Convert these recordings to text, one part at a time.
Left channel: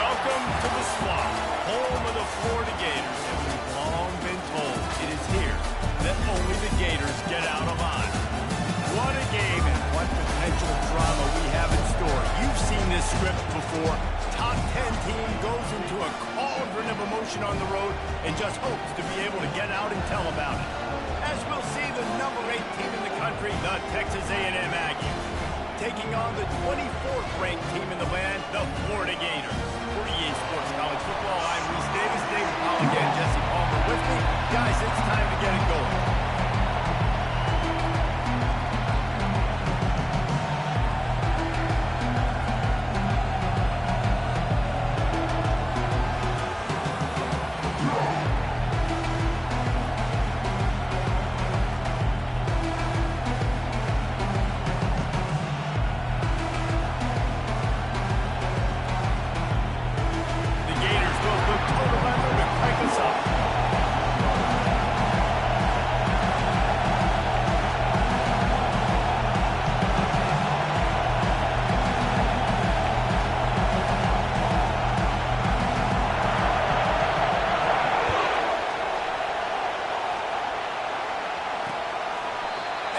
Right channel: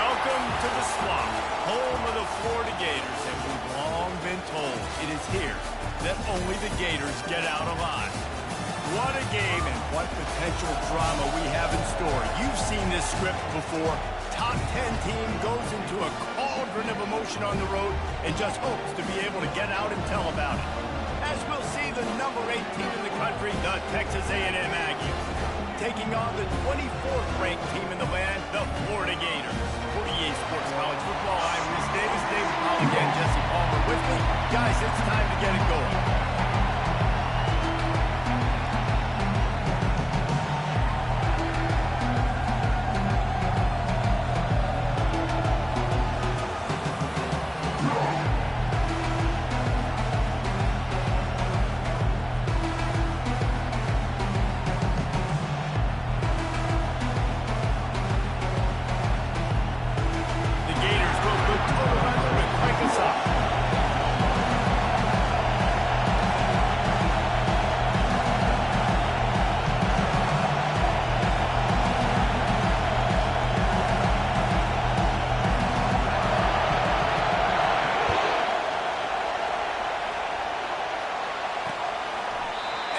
Welcome to the Swamp, home of the Florida Gators, and we've long been told it is here that only the Gators get out alive. What a game and what potential drama we have in store. You've seen this script before. Top 10 team goes into a cauldron of emotion on the road and just hopes to be able to get out and tell about it. As we'll see the number 8 team in the country, the Texas A&M Aggies, taking on the 24th ranked team in the land, the Florida Gators. For EA Sports College Football, I'm Reese Davis, David Powell again, Jesse Palmer with me. Guys, it's time to get it going.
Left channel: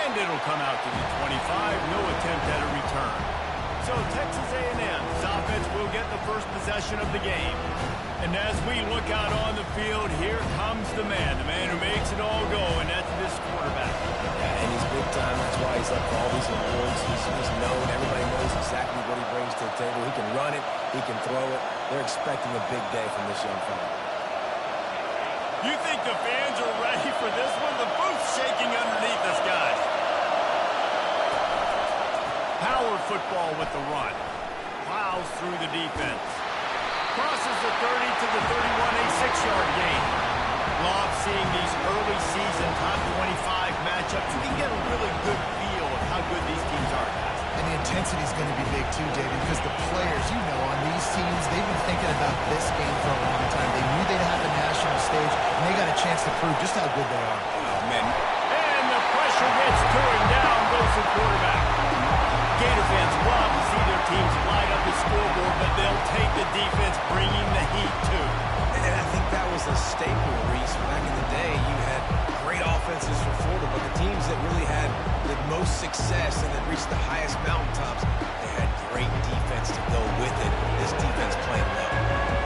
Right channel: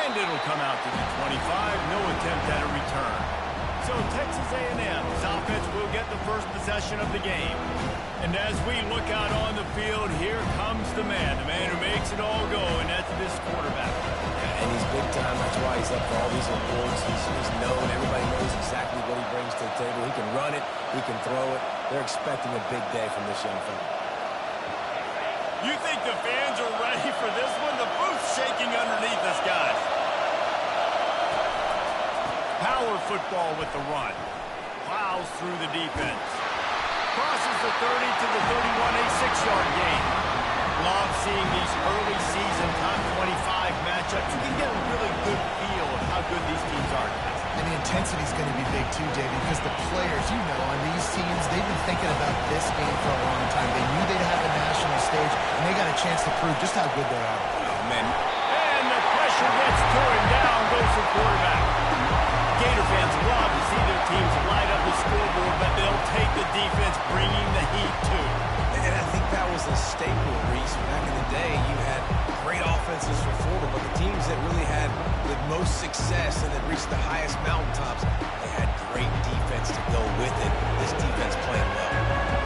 And it'll come out to the 25, no attempt at a return. So Texas A&M's offense will get the first possession of the game. And as we look out on the field, here comes the man who makes it all go, and that's this quarterback. Yeah, and he's big time. That's why he's up for all these awards. He's known. Everybody knows exactly what he brings to the table. He can run it. He can throw it. They're expecting a big day from this young fella. You think the fans are ready for this one? The booth's shaking underneath us, guys. Power football with the run. Plows through the defense. Crosses the 30 to the 31, a 6-yard gain. Love seeing these early season top 25 matchups. You can get a really good feel of how good these teams are, guys. And the intensity is going to be big too, Davey, because the players, you know, on these teams, they've been thinking about this game for a long time. They knew they'd have the national stage, and they got a chance to prove just how good they are. Oh, man. And the pressure gets to him. Down goes the quarterback. Gator fans love to see their teams light up the scoreboard, but they'll take the defense bringing the heat too. And I think that was a staple, Reese. Back in the day, you had great offenses for Florida, but the teams that really had the most success and that reached the highest mountaintops, they had great defense to go with it. This defense playing well.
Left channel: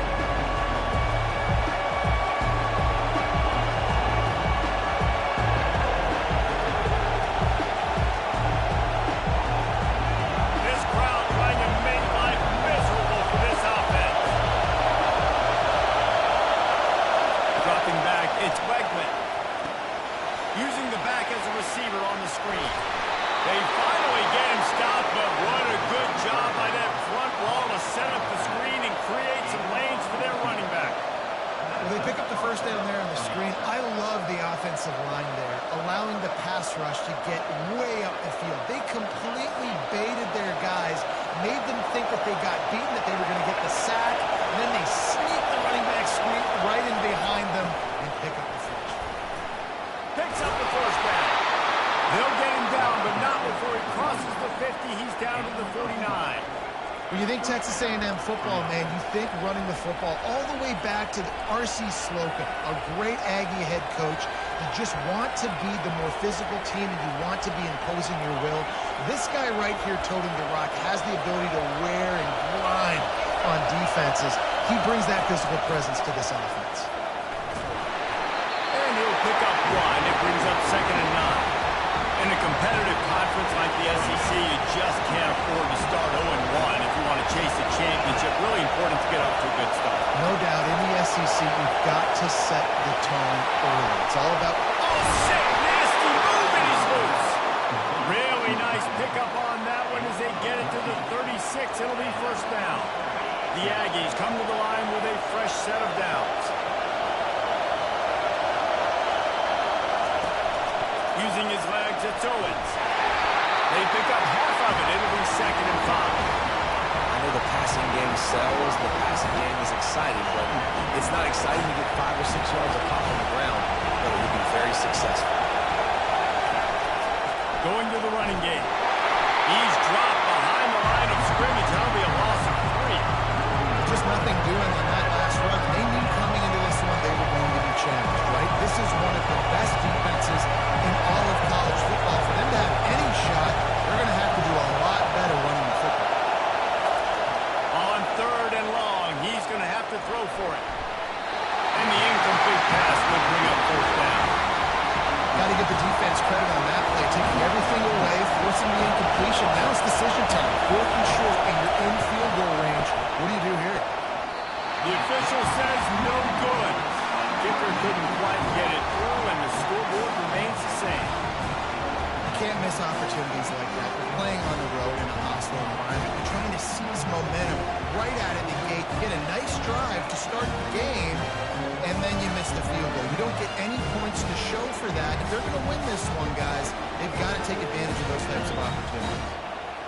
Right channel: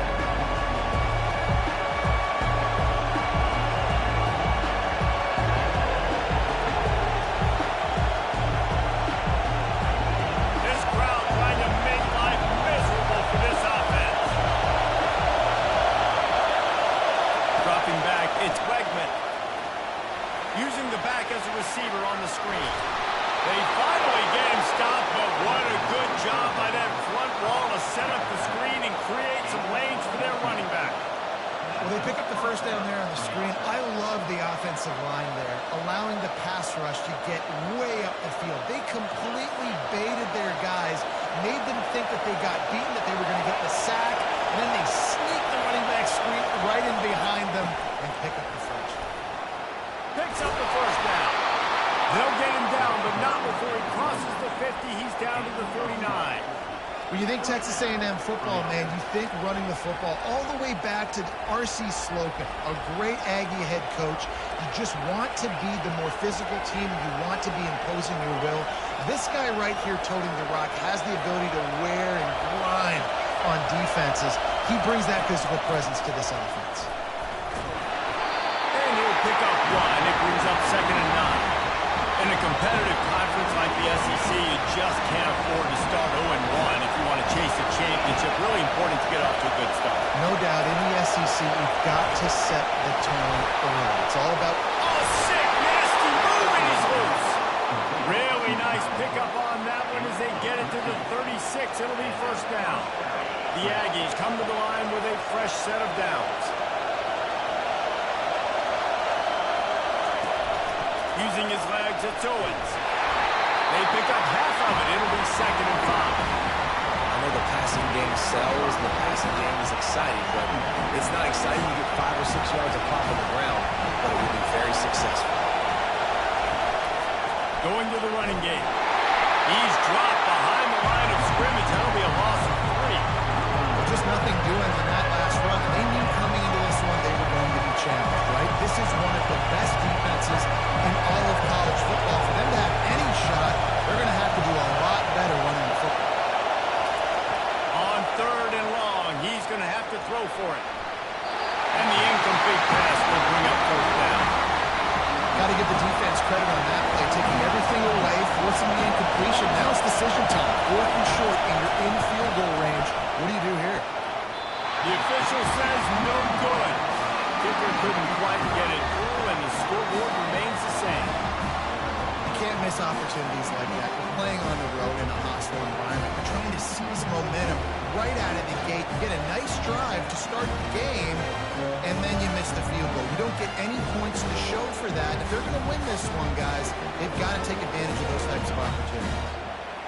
It's Wegman using the back as a receiver on the screen. They finally get him stopped, but what a good job by that front wall to set up the screen and create some lanes for their running back. Well, they pick up the first down there on the screen. I love the offensive line there, allowing the pass rush to get way up the field. They completely baited their guys, made them think that they got beaten, that they were going to get the sack, and then they sneak the running back screen right in behind them and pick up the first. Picks up the first down. They'll get him down, but not before he crosses the 50. He's down to the 49. When you think Texas A&M football, man, you think running the football all the way back to R.C. Slocum, a great Aggie head coach. You just want to be the more physical team, and you want to be imposing your will. This guy right here toting the rock has the ability to wear and grind on defenses. He brings that physical presence to this offense. And he'll pick up one. It brings up 2nd and 9. In a competitive conference like the SEC, you just can't afford to start 0-1 if you want to chase a championship. Really important to get off to a good start. No doubt, in the SEC, you've got to set the tone early. It's all about... Oh, sick, nasty move, and he's loose. Really nice pickup on that one as they get it to the 36. It'll be first down. The Aggies come to the line with a fresh set of downs. Using his legs, it's Owens. They pick up half of it. It'll be 2nd and 5. I know the passing game sells. The passing game is exciting, but it's not exciting to get 5 or 6 yards of pop on the ground, but it will be very successful. Going to the running game. He's dropped behind the line of scrimmage. That'll be a loss of 3. Just nothing doing he's going to have to throw for it. And the incomplete pass will bring up fourth down. Got to give the defense credit on that play, taking everything away, forcing the incompletion. Now it's decision time. 4th and short, and you're in field goal range. What do you do here? The official says no good. Kicker couldn't quite get it through, and the scoreboard remains the same. You can't miss opportunities like that. You're playing on the road in a hostile environment. You're trying to seize momentum right out of the gate. You get a nice drive to start the game, and then you miss the field goal. You don't get any points to show for that. If they're going to win this one, guys, they've got to take advantage of those types of opportunities.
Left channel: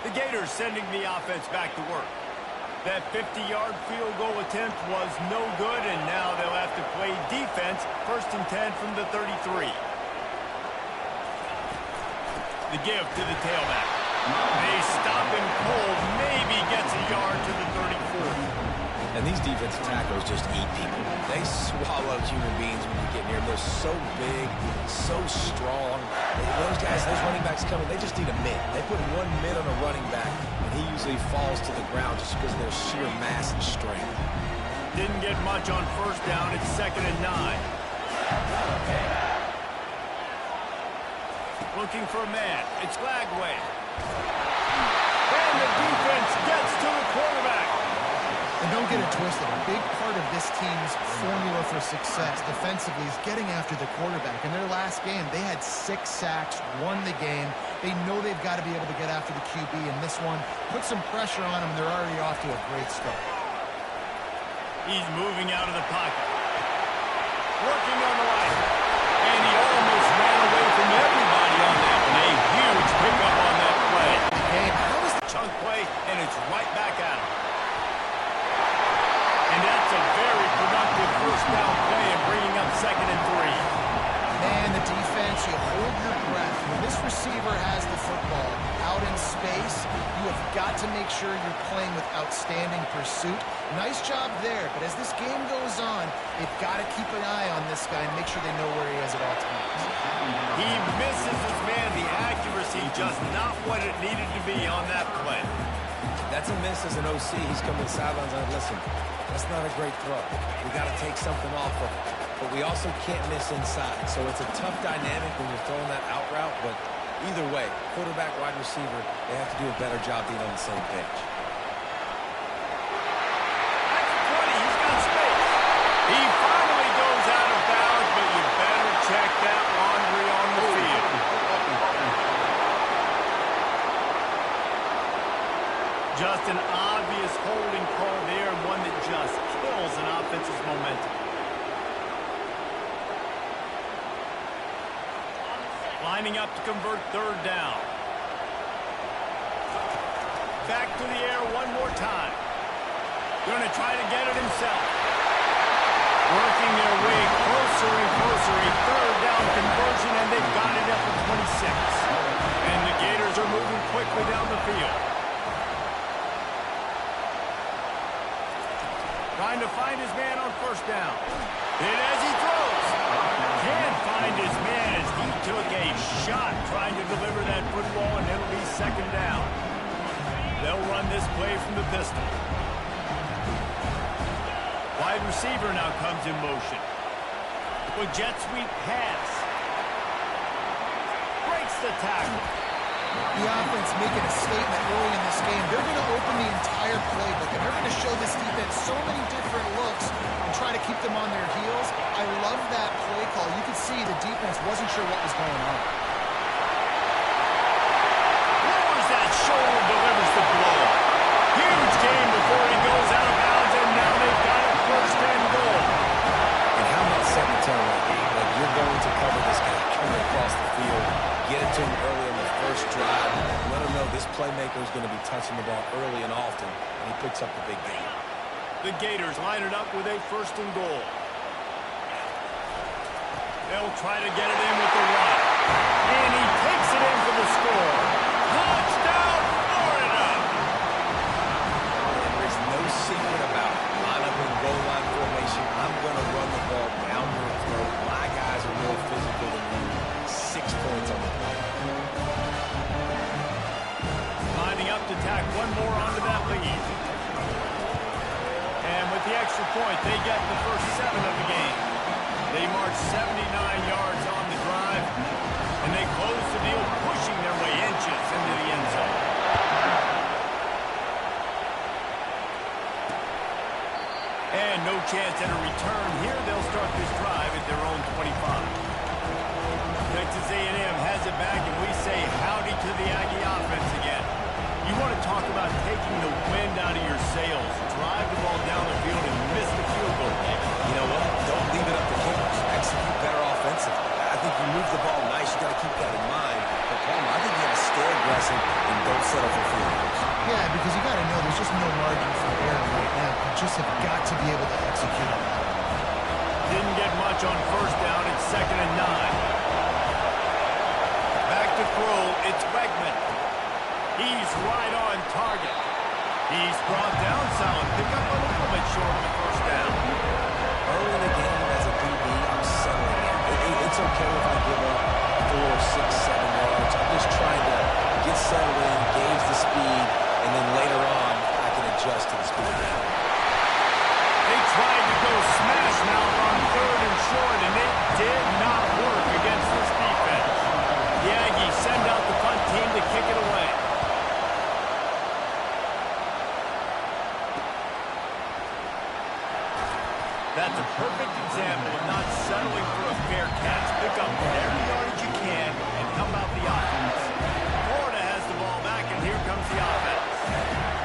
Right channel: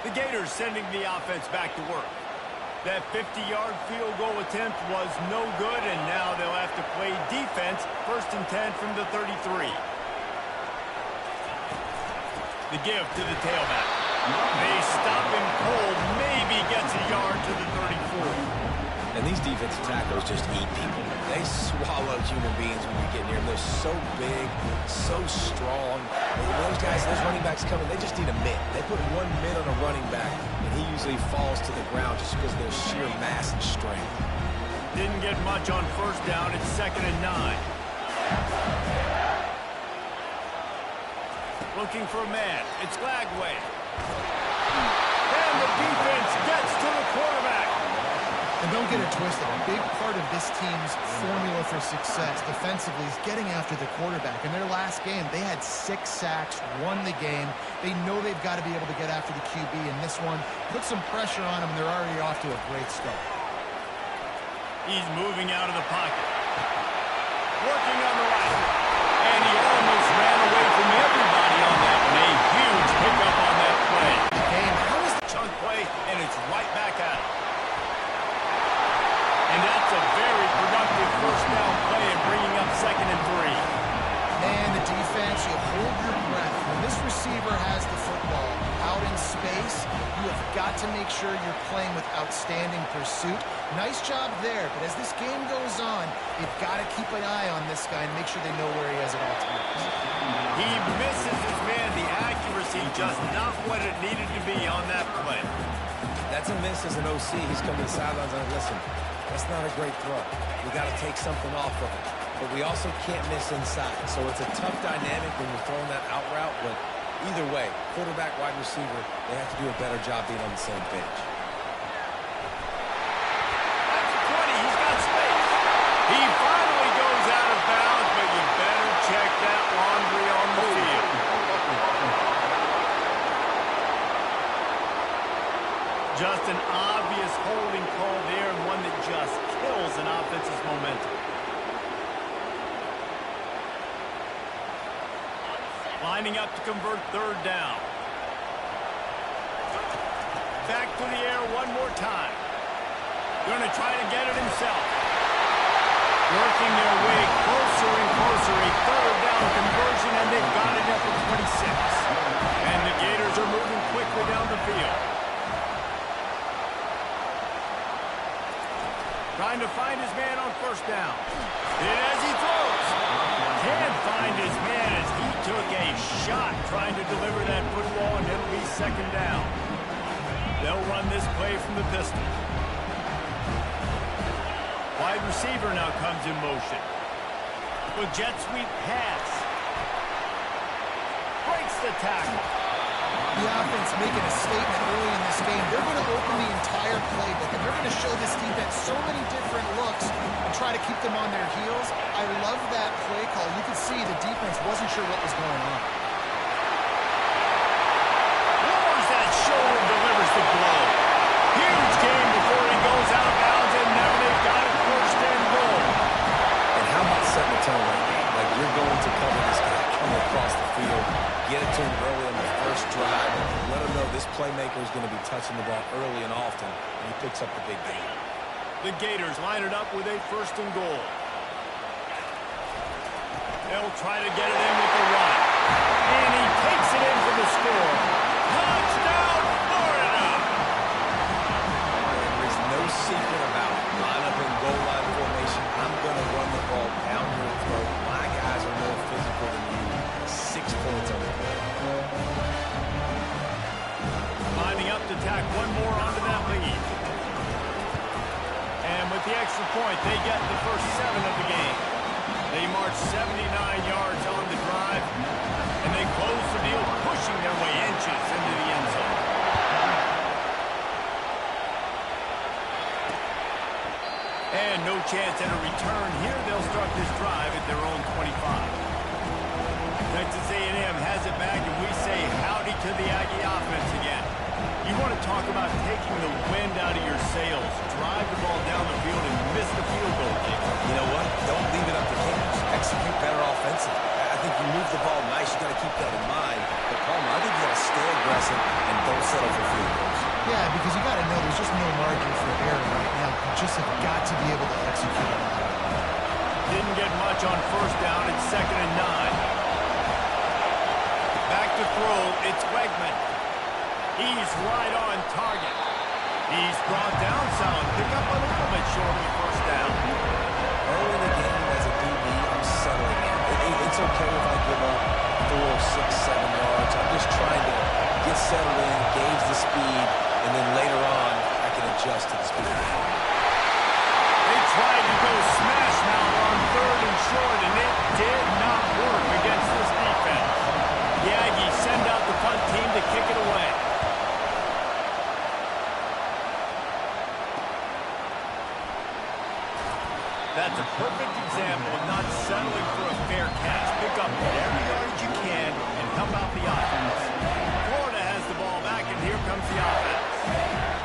The Gators sending the offense back to work. That 50-yard field goal attempt was no good, and now they'll have to play defense, 1st and 10 from the 33. The give to the tailback. They stop him cold, maybe gets a yard to the 34. And these defensive tackles just eat people. They swallow human beings when you get near them. They're so big, so strong. Those guys, those running backs coming, they just need a mid. They put one mid on a running back, and he usually falls to the ground just because of their sheer mass and strength. Didn't get much on 1st down. It's 2nd and 9. Looking for a man. It's Lagway. And the defense gets to the quarterback. And don't get it twisted. A big part of this team's formula for success defensively is getting after the quarterback. In their last game, they had 6 sacks, won the game. They know they've got to be able to get after the QB, and this one put some pressure on them, and they're already off to a great start. He's moving out of the pocket. Working on the right. And he almost ran away from everybody on that one. A huge pickup on that play. The game, how is the chunk play, and it's right back at him. And that's a very productive 1st down play and bringing up 2nd and 3. Man, the defense, you hold your breath. When this receiver has the football out in space, you have got to make sure you're playing with outstanding pursuit. Nice job there, but as this game goes on, you've got to keep an eye on this guy and make sure they know where he is at all times. He misses his man. The accuracy just not what it needed to be on that play. That's a miss as an OC. He's coming to the sidelines and listen, that's not a great throw. We got to take something off of it. But we also can't miss inside. So it's a tough dynamic when you're throwing that out route. But either way, quarterback, wide receiver, they have to do a better job being on the same page. At the 20, he's got space. He finally goes out of bounds, but you better check that laundry on the field. Just an obvious holding call there, and one that just kills an offense's momentum. Lining up to convert 3rd down. Back to the air one more time. Going to try to get it himself. Working their way closer and closer. A 3rd down conversion, and they've got it at the 26. And the Gators are moving quickly down the field. Trying to find his man on 1st down. And as he throws, can't find his man as he took a shot trying to deliver that football, and it'll be 2nd down. They'll run this play from the pistol. Wide receiver now comes in motion. With jet sweep pass. Breaks the tackle. The offense making a statement early in this game. They're going to open the entire playbook, and they're going to show this defense so many different looks and try to keep them on their heels. I love that play call. You could see the defense wasn't sure what was going on. Lowers that shoulder, delivers the blow. Huge game before he goes out of bounds, and now they've got it 1st and goal. And how about setting the tone right there? Like, you're going to cover this guy coming across the field, get it to him early on the 1st drive, let him know this playmaker is going to be touching the ball early and often, and he picks up the big game. The Gators line it up with a 1st and goal. They'll try to get it in with the run. And he takes it in for the score. Touchdown, Florida! There is no secret about it. Line up in goal line formation. I'm going to run the ball down your throat. My guys are more physical than you. 6 points on the play. Lining up to tack one more onto that lead. And with with the extra point, they get the first 7 of the game. They march 79 yards on the drive, and they close the deal, pushing their way inches into the end zone. And no chance at a return here. They'll start this drive at their own 25. Texas A&M has it back, and we say howdy to the Aggie offense again. You want to talk about taking the wind out of your sails. Drive the ball down the field and miss the field goal, David. You know what? Don't leave it up to kickers. Execute better offensively. I think you move the ball nice. You got to keep that in mind. But, Palmer, I think you got to stay aggressive and don't settle for field goals. Yeah, because you got to know there's just no margin for error right now. You just have got to be able to execute on that. Didn't get much on first down. It's 2nd and 9. Back to throw. It's Wegman. He's right on target. He's brought down solid. Pick up a little bit short of the first down. Early in the game as a DB, I'm settling in. It's okay if I give up 4, 6, 7 yards. I'm just trying to get settled in, gauge the speed, and then later on, I can adjust to the speed. They tried to go smash mouth on 3rd and short, and it did not work against this defense. The Aggies send out the punt team to kick it away. That's a perfect example of not settling for a fair catch. Pick up whatever yardage you can and help out the offense. Florida has the ball back, and here comes the offense.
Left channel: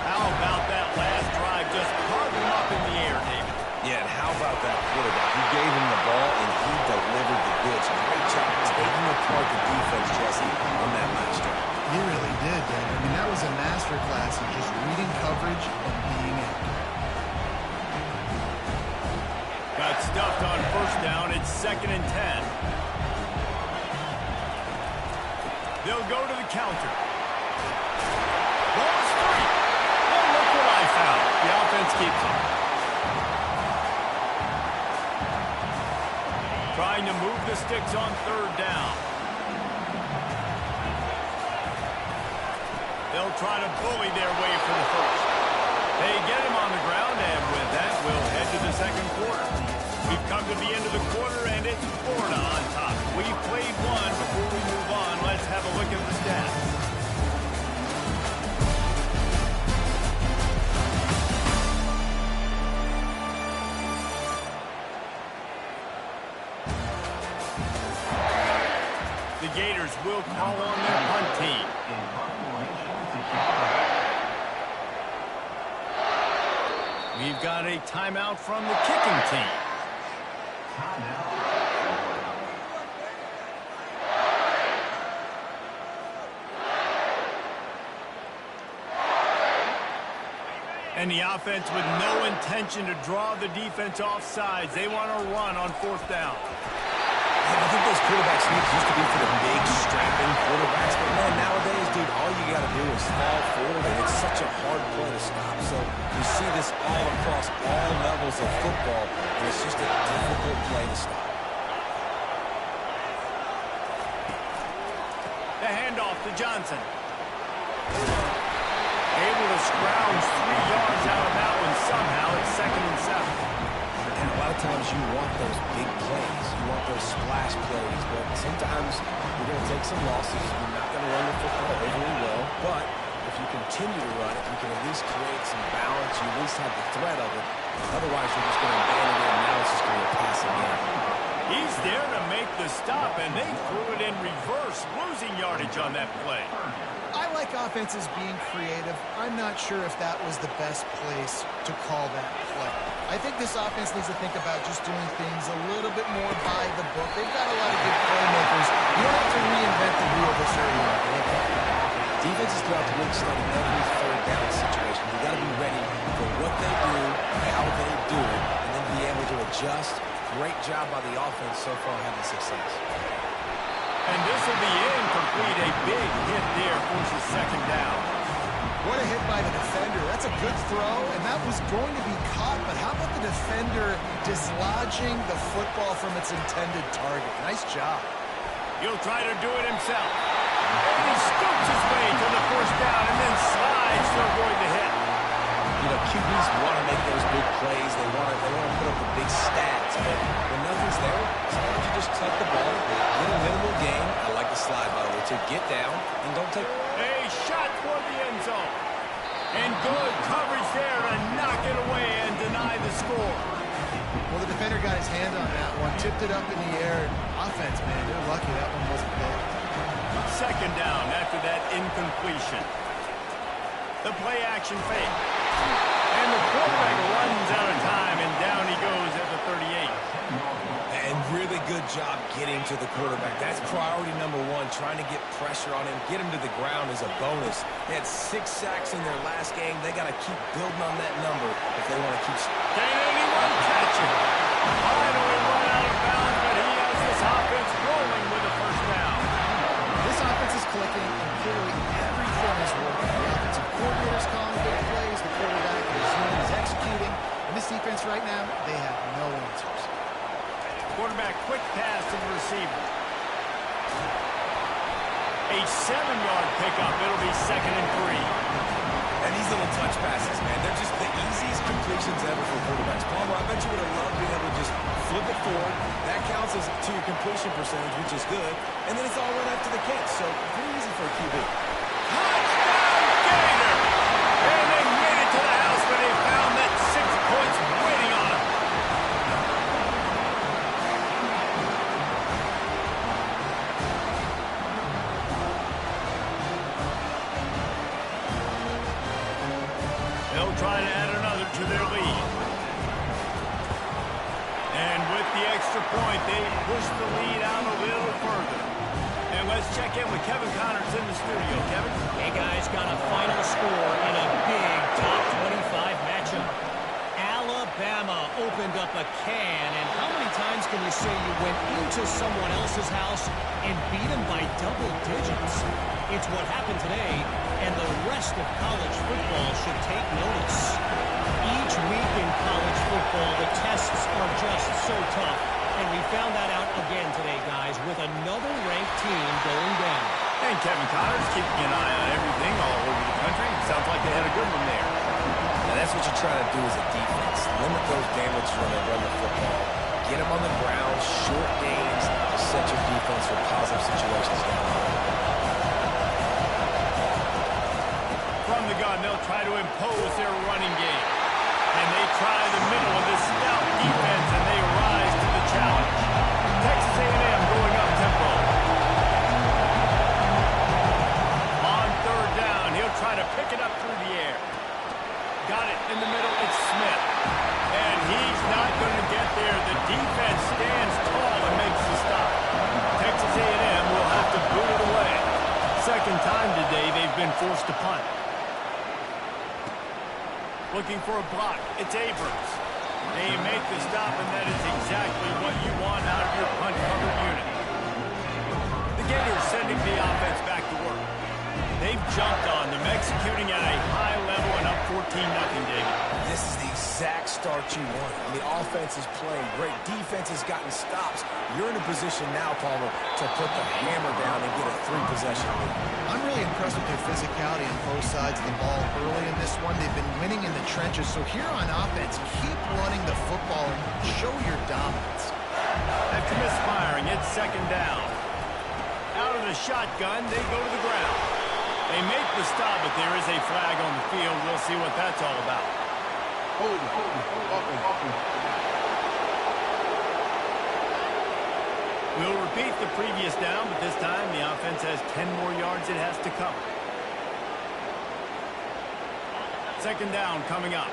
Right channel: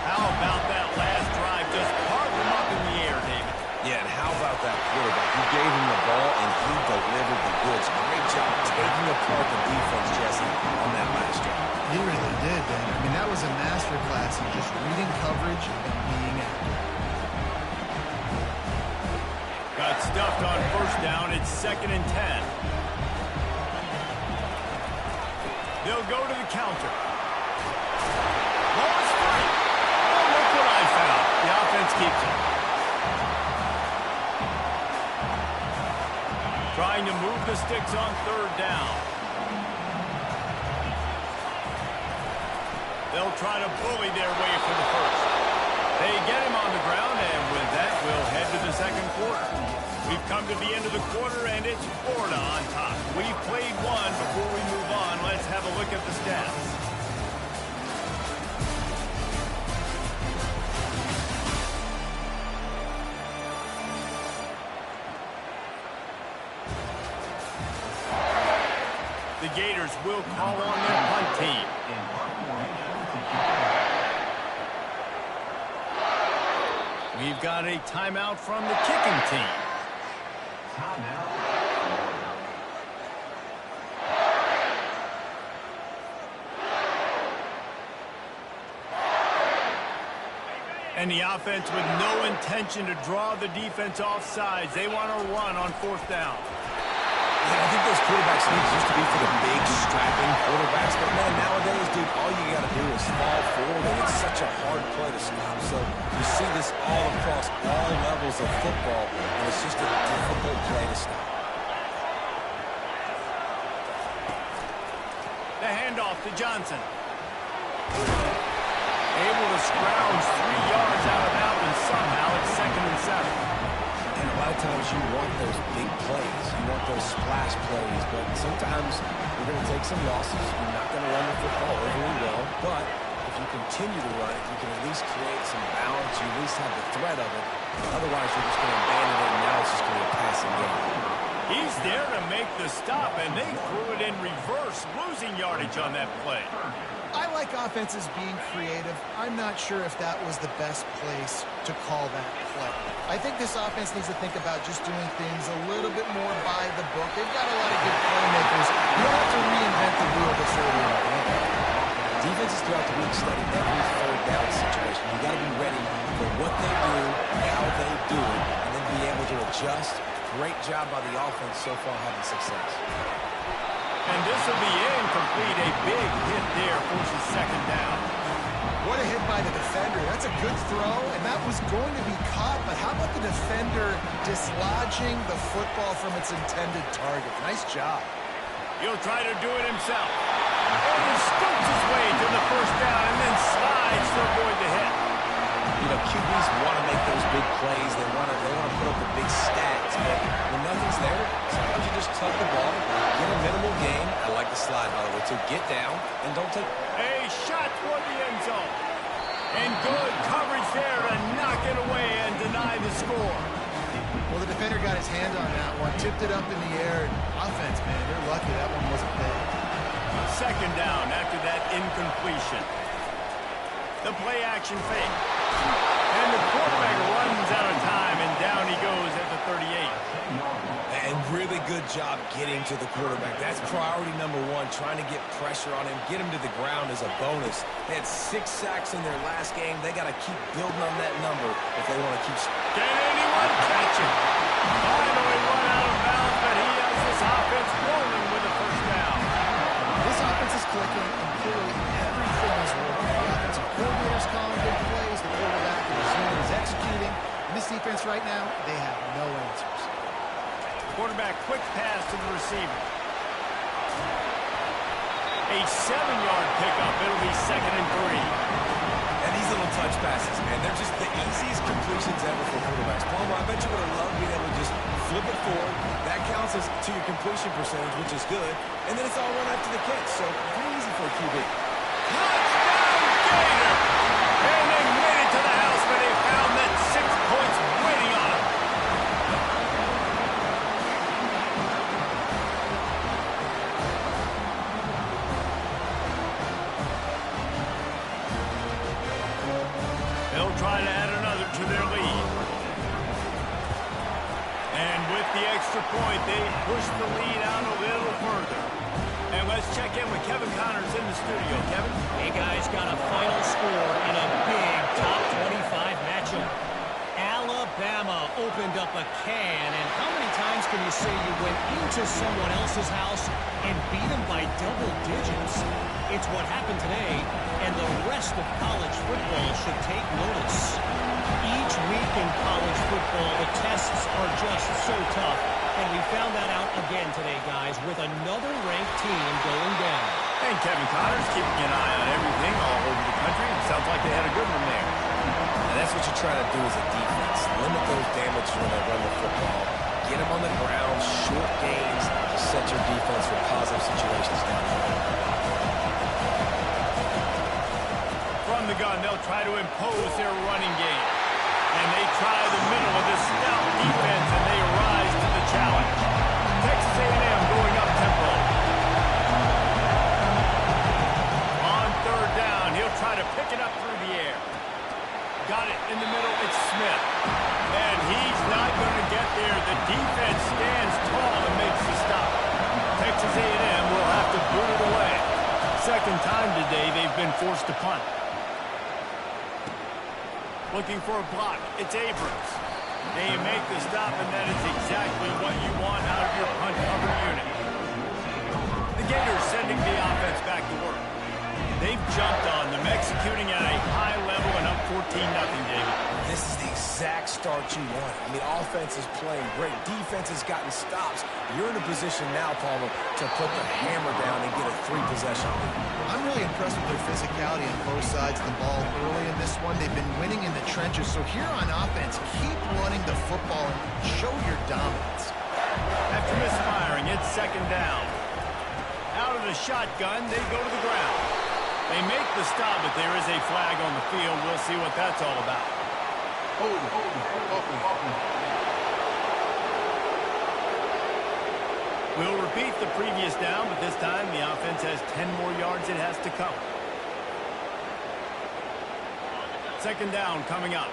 How about that last drive? Just carve them up in the air, David. Yeah, and how about that quarterback? You gave him the ball, and he delivered the goods. Great job taking apart the defense, Jesse, on that last drive. He really did, Dan. I mean, that was a masterclass in just reading coverage and being accurate. Got stuffed on first down. It's 2nd and 10. They'll go to the counter. Ball is free. Oh, look what I found. The offense keeps it. Trying to move the sticks on 3rd down. They'll try to bully their way for the first. They get him on the ground, and with that, we'll head to the 2nd quarter. We've come to the end of the quarter, and it's Florida on top. We've played one. Before we move on, let's have a look at the stats. The Gators will call on their punt team. We've got a timeout from the kicking team. And the offense with no intention to draw the defense off sides. They want to run on 4th down. Yeah, I think those quarterback sneaks used to be for the big, strapping quarterbacks. But, man, nowadays, dude, all you got to do is fall forward, and it's such a hard play to stop. So you see this all across all levels of football, and it's just a difficult play to stop. The handoff to Johnson. Able to scrounge 3 yards out of that one somehow. It's 2nd and 7. And a lot of times you want those big plays. You want those splash plays. But sometimes you're going to take some losses. You're not going to run the football overly well. But if you continue to run it, you can at least create some balance. You at least have the threat of it. Otherwise, you're just going to abandon it, and now it's just going to be a passing game. He's there to make the stop, and they threw it in reverse, losing yardage on that play. I like offenses being creative. I'm not sure if that was the best place to call that play. I think this offense needs to think about just doing things a little bit more by the book. They've got a lot of good playmakers. You don't have to reinvent the wheel this early in the game. Defenses throughout the week study every 3rd down situation. You got to be ready for what they do, how they do it, and then be able to adjust. Great job by the offense so far having success. And this will be incomplete. A big hit there forces 2nd down. What a hit by the defender. That's a good throw, and that was going to be caught, but how about the defender dislodging the football from its intended target? Nice job. He'll try to do it himself. And he scoots his way to the first down and then slides to avoid the hit. You know, QBs want to make those big plays. They want to put up the big stats. But when nothing's there, sometimes you just tuck the ball, get a minimal gain. I like the slide, by the way, to get down and don't take. A shot toward the end zone. And good coverage there to knock it away and deny the score. Well, the defender got his hand on that one, tipped it up in the air. Offense, man, they're lucky that one wasn't picked. Second down after that incompletion. The play action fake. And the quarterback runs out of time, and down he goes at the 38. And really good job getting to the quarterback. That's priority number one, trying to get pressure on him. Get him to the ground is a bonus. They had 6 sacks in their last game. They got to keep building on that number if they want to keep. Can anyone catch it? Finally run out of bounds, but he has this offense rolling with a first down. This offense is clicking, and clearly everything is working. The offensive coordinator's calling big plays. The quarterback and his unit is executing. And this defense right now, they have no answers. Quarterback quick pass to the receiver. A 7-yard pickup. It'll be 2nd and 3. And these little touch passes, man, they're just the easiest completions ever for quarterbacks. Palmer, I bet you would have loved being able to just flip it forward. That counts as to your completion percentage, which is good. And then it's all run after the catch. So pretty easy for a QB. Touchdown, Gator! And they made it to the house, but they found that 6 points waiting on them. They'll try to add another to their lead. And with the extra point, they push the lead out a little further. And let's check in with Kevin Connors in the studio. Kevin? Hey, guys, got a final score in a big top 25 matchup. Alabama opened up a can, and how many times can you say you went into someone else's house and beat them by double digits? It's what happened today, and the rest of college football should take notice. Each week in college football, the tests are just so tough, and we found that out again today, guys, with another ranked team going down. And Kevin Connors keeping an eye on everything all over the country. Sounds like they had a good one there. Now, that's what you're trying to do as a defense. Limit those damages when they run the football. Get them on the ground, short gains to set your defense for positive situations down the road. From the gun, they'll try to impose their running game. And they try the middle of this stout defense, and they rise to the challenge. Texas A&M going up tempo. On 3rd down, he'll try to pick it up through the air. Got it in the middle, it's Smith. And he's not going to get there. The defense stands tall and makes the stop. Texas A&M will have to boot it away. Second time today they've been forced to punt. Looking for a block, it's Abrams. They make the stop, and that is exactly what you want out of your punt cover unit. The Gators sending the offense back to work. They've jumped on them, executing at a high level and up 14-0, David. This is the exact start you want. I mean, offense is playing great. Defense has gotten stops. You're in a position now, Palmer, to put the hammer down and get a 3-possession lead. I'm really impressed with their physicality on both sides of the ball early in this one. They've been winning in the trenches. So here on offense, keep running the football and show your dominance. After misfiring, it's 2nd down. Out of the shotgun, they go to the ground. They make the stop, but there is a flag on the field. We'll see what that's all about. We'll repeat the previous down, but this time the offense has 10 more yards it has to cover. 2nd down coming up.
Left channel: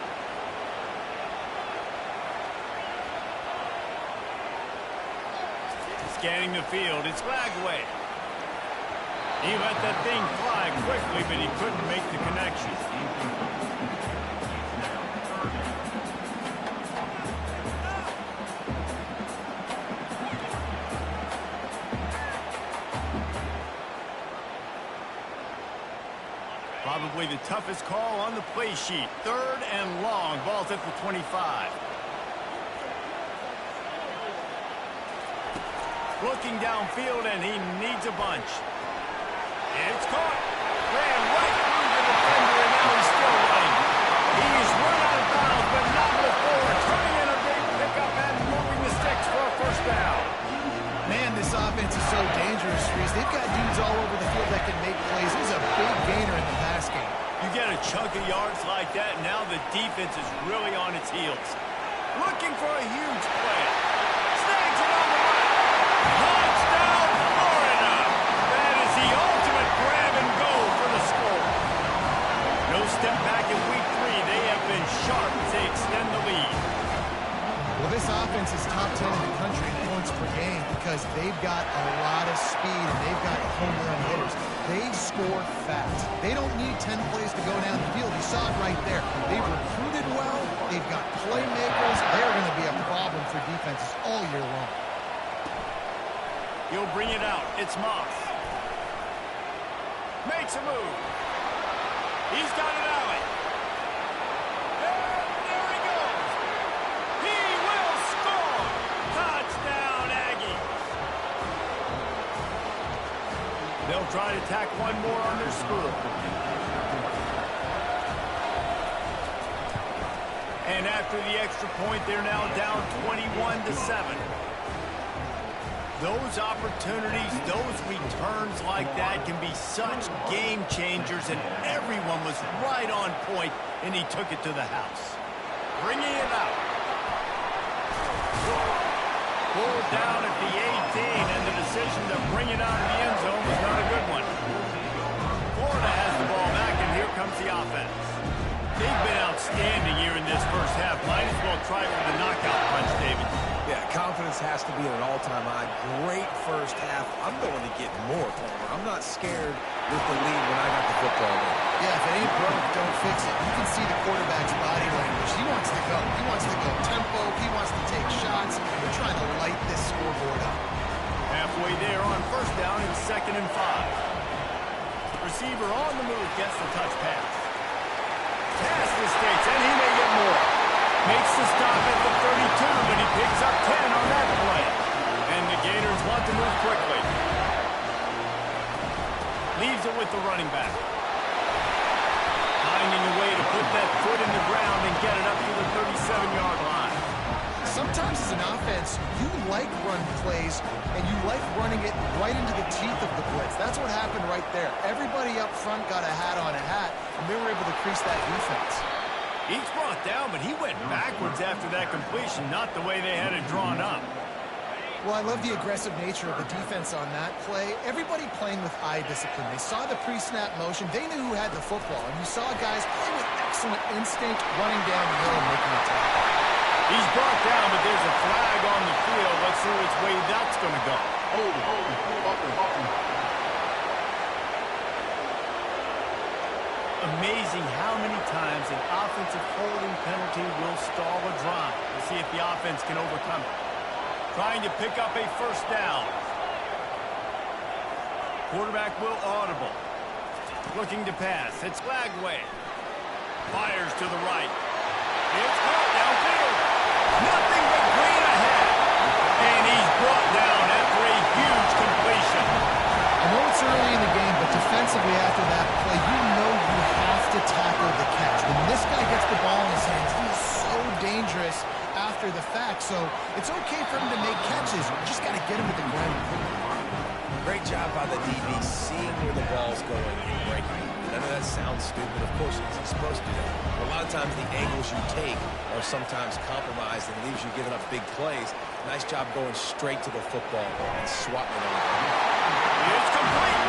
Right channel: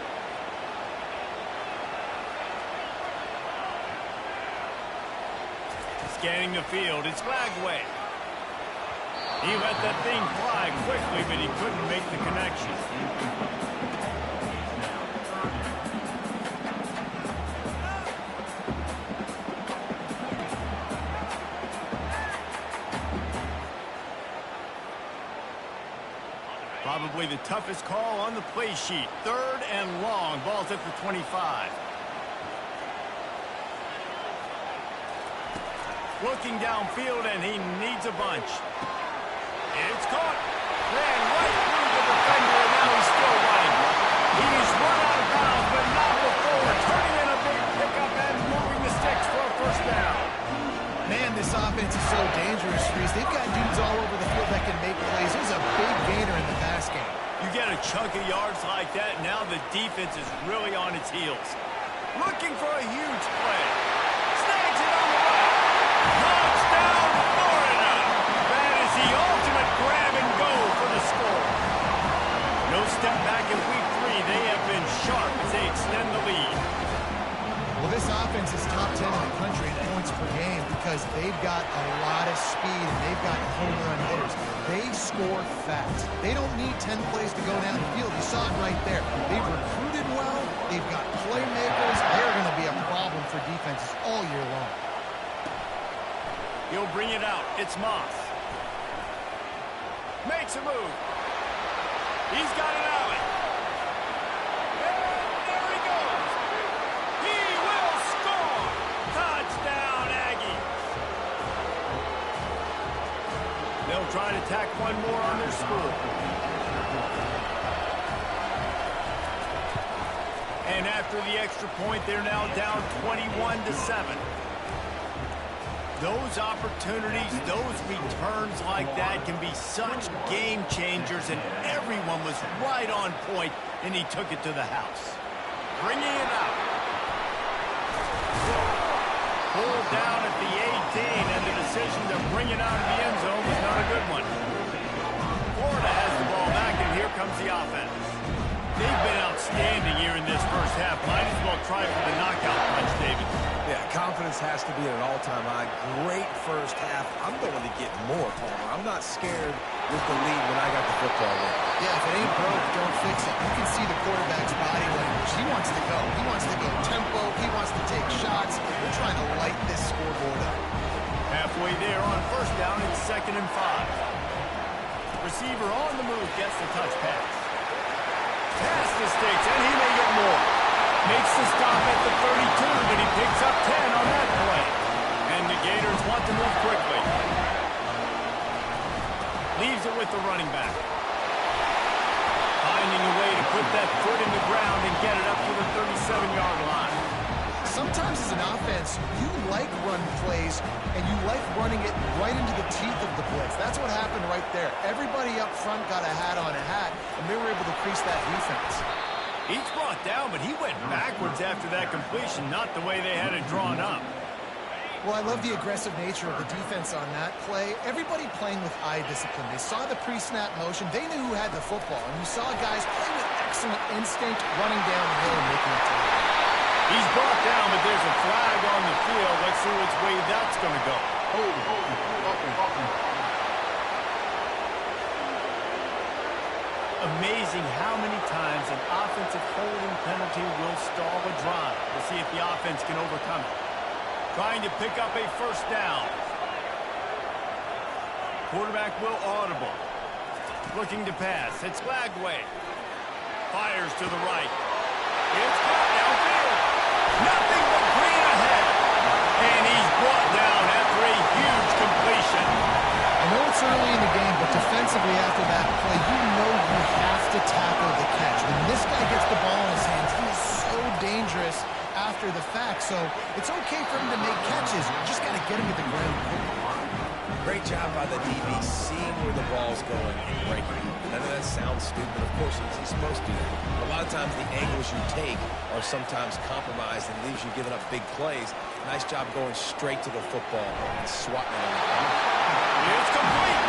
Scanning the field, it's Flagway. He let that thing fly quickly, but he couldn't make the connection. Probably the toughest call on the play sheet. 3rd and long. Ball's at the 25. Looking downfield, and he needs a bunch. It's caught. Ran right through the defender, and now he's still running. He's run out of bounds, but not before turning in a big pickup and moving the sticks for a first down. Man, this offense is so dangerous, Reese. They've got dudes all over the field that can make plays. There's a big gainer in the pass game. You get a chunk of yards like that, now the defense is really on its heels. Looking for a huge play. Snags it on the right. Touchdown, Florida! That is the ultimate grab and go for the score. No step back in week 3. They have been sharp as they extend the lead. Well, this offense is top 10 in the country in points per game because they've got a lot of speed and they've got home run hitters. They score fast. They don't need 10 plays to go down the field. You saw it right there. They've recruited well. They've got playmakers. They're going to be a problem for defenses all year long. He'll bring it out. It's Moss. Makes a move. He's got an alley. And there he goes. He will score. Touchdown, Aggies. They'll try to tack one more on their score. And after the extra point, they're now down 21-7. Those opportunities, those returns like that can be such game changers, and everyone was right on point, and he took it to the house. Bringing it out. Pulled down at the 18, and the decision to bring it out of the end zone was not a good one. Florida has the ball back, and here comes the offense. They've been outstanding here in this first half. Might as well try for the knockout punch, David. Yeah, confidence has to be at an all-time high. Great first half. I'm going to get more, Palmer. I'm not scared with the lead when I got the football in. Yeah, if it ain't broke, don't fix it. You can see the quarterback's body language. He wants to go. He wants to go tempo. He wants to take shots. They're trying to light this scoreboard up. Halfway there on first down, it's 2nd and 5. Receiver on the move gets the touch pass. Past the sticks, and he may get more. Makes the stop at the 32, but he picks up 10 on that play. And the Gators want to move quickly. Leaves it with the running back. Finding a way to put that foot in the ground and get it up to the 37-yard line. Sometimes as an offense, you like run plays, and you like running it right into the teeth of the blitz. That's what happened right there. Everybody up front got a hat on a hat, and they were able to crease that defense. He's brought down, but he went backwards after that completion, not the way they had it drawn up. Well, I love the aggressive nature of the defense on that play. Everybody playing with eye discipline. They saw the pre-snap motion. They knew who had the football, and you saw guys play with excellent instinct, running down the hill and making a tackle. He's brought down, but there's a flag on the field. Let's see which way that's going to go. Amazing how many times an offensive holding penalty will stall a drive. We'll see if the offense can overcome it. Trying to pick up a first down. Quarterback will audible. Looking to pass. It's Flagway. Fires to the right. It's caught downfield. Nothing but green ahead. And he's brought down after a huge completion. I know it's early in the game, but defensively after that play, you know you have to tackle the catch. When this guy gets the ball in his hands, he is so dangerous after the fact. So it's okay for him to make catches. You just got to get him to the ground quickly. Great job by the DB seeing where the ball's going and breaking it. None of that sounds stupid. Of course, he's supposed to do that. But a lot of times the angles you take are sometimes compromised and leaves you giving up big plays. Nice job going straight to the football and swatting it on the ground. It's complete.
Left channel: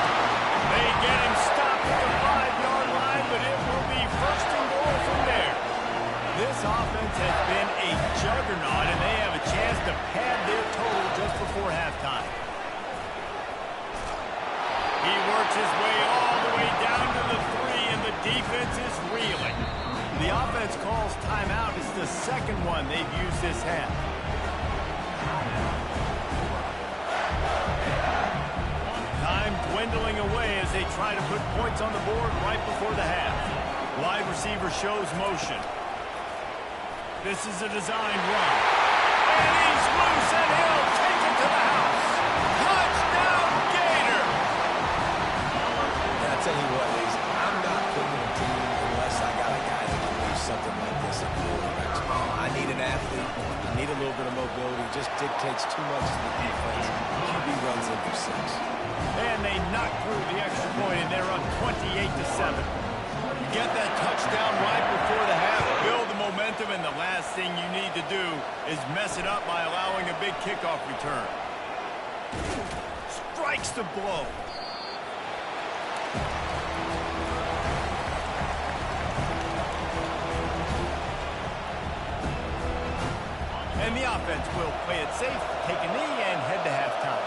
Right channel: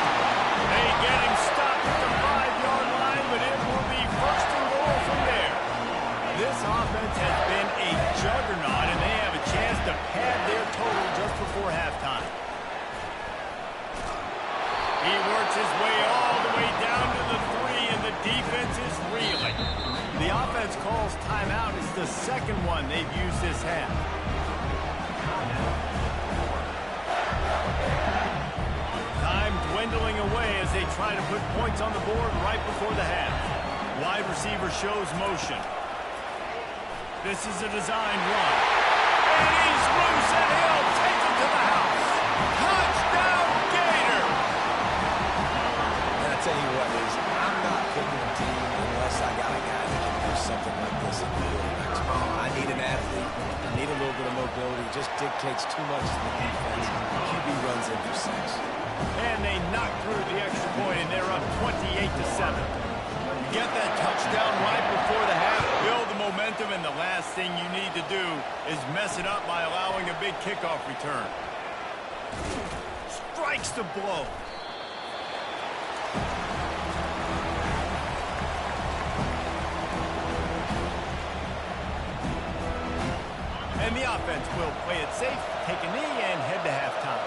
They get him stopped at the 5-yard line, but it will be first and goal from there. This offense has been a juggernaut, and they have a chance to pad their total just before halftime. He works his way all the way down to the 3, and the defense is reeling. The offense calls timeout. It's the second one they've used this half. Time dwindling away as they try to put points on the board right before the half. Wide receiver shows motion. This is a designed run. And he's loose, and he'll take it to the house. Touchdown, Gators! And I tell you what, Liz, I'm not picking a team unless I got a guy that can do something like this in the quarterback's ball. I need an athlete. I need a little bit of mobility. Just dictates too much to the defense. QB runs in for 6. And they knock through the extra point, and they're up 28-7. You get that touchdown right before the half, build the momentum, and the last thing you need to do is mess it up by allowing a big kickoff return. Strikes the blow. And the offense will play it safe, take a knee, and head to halftime.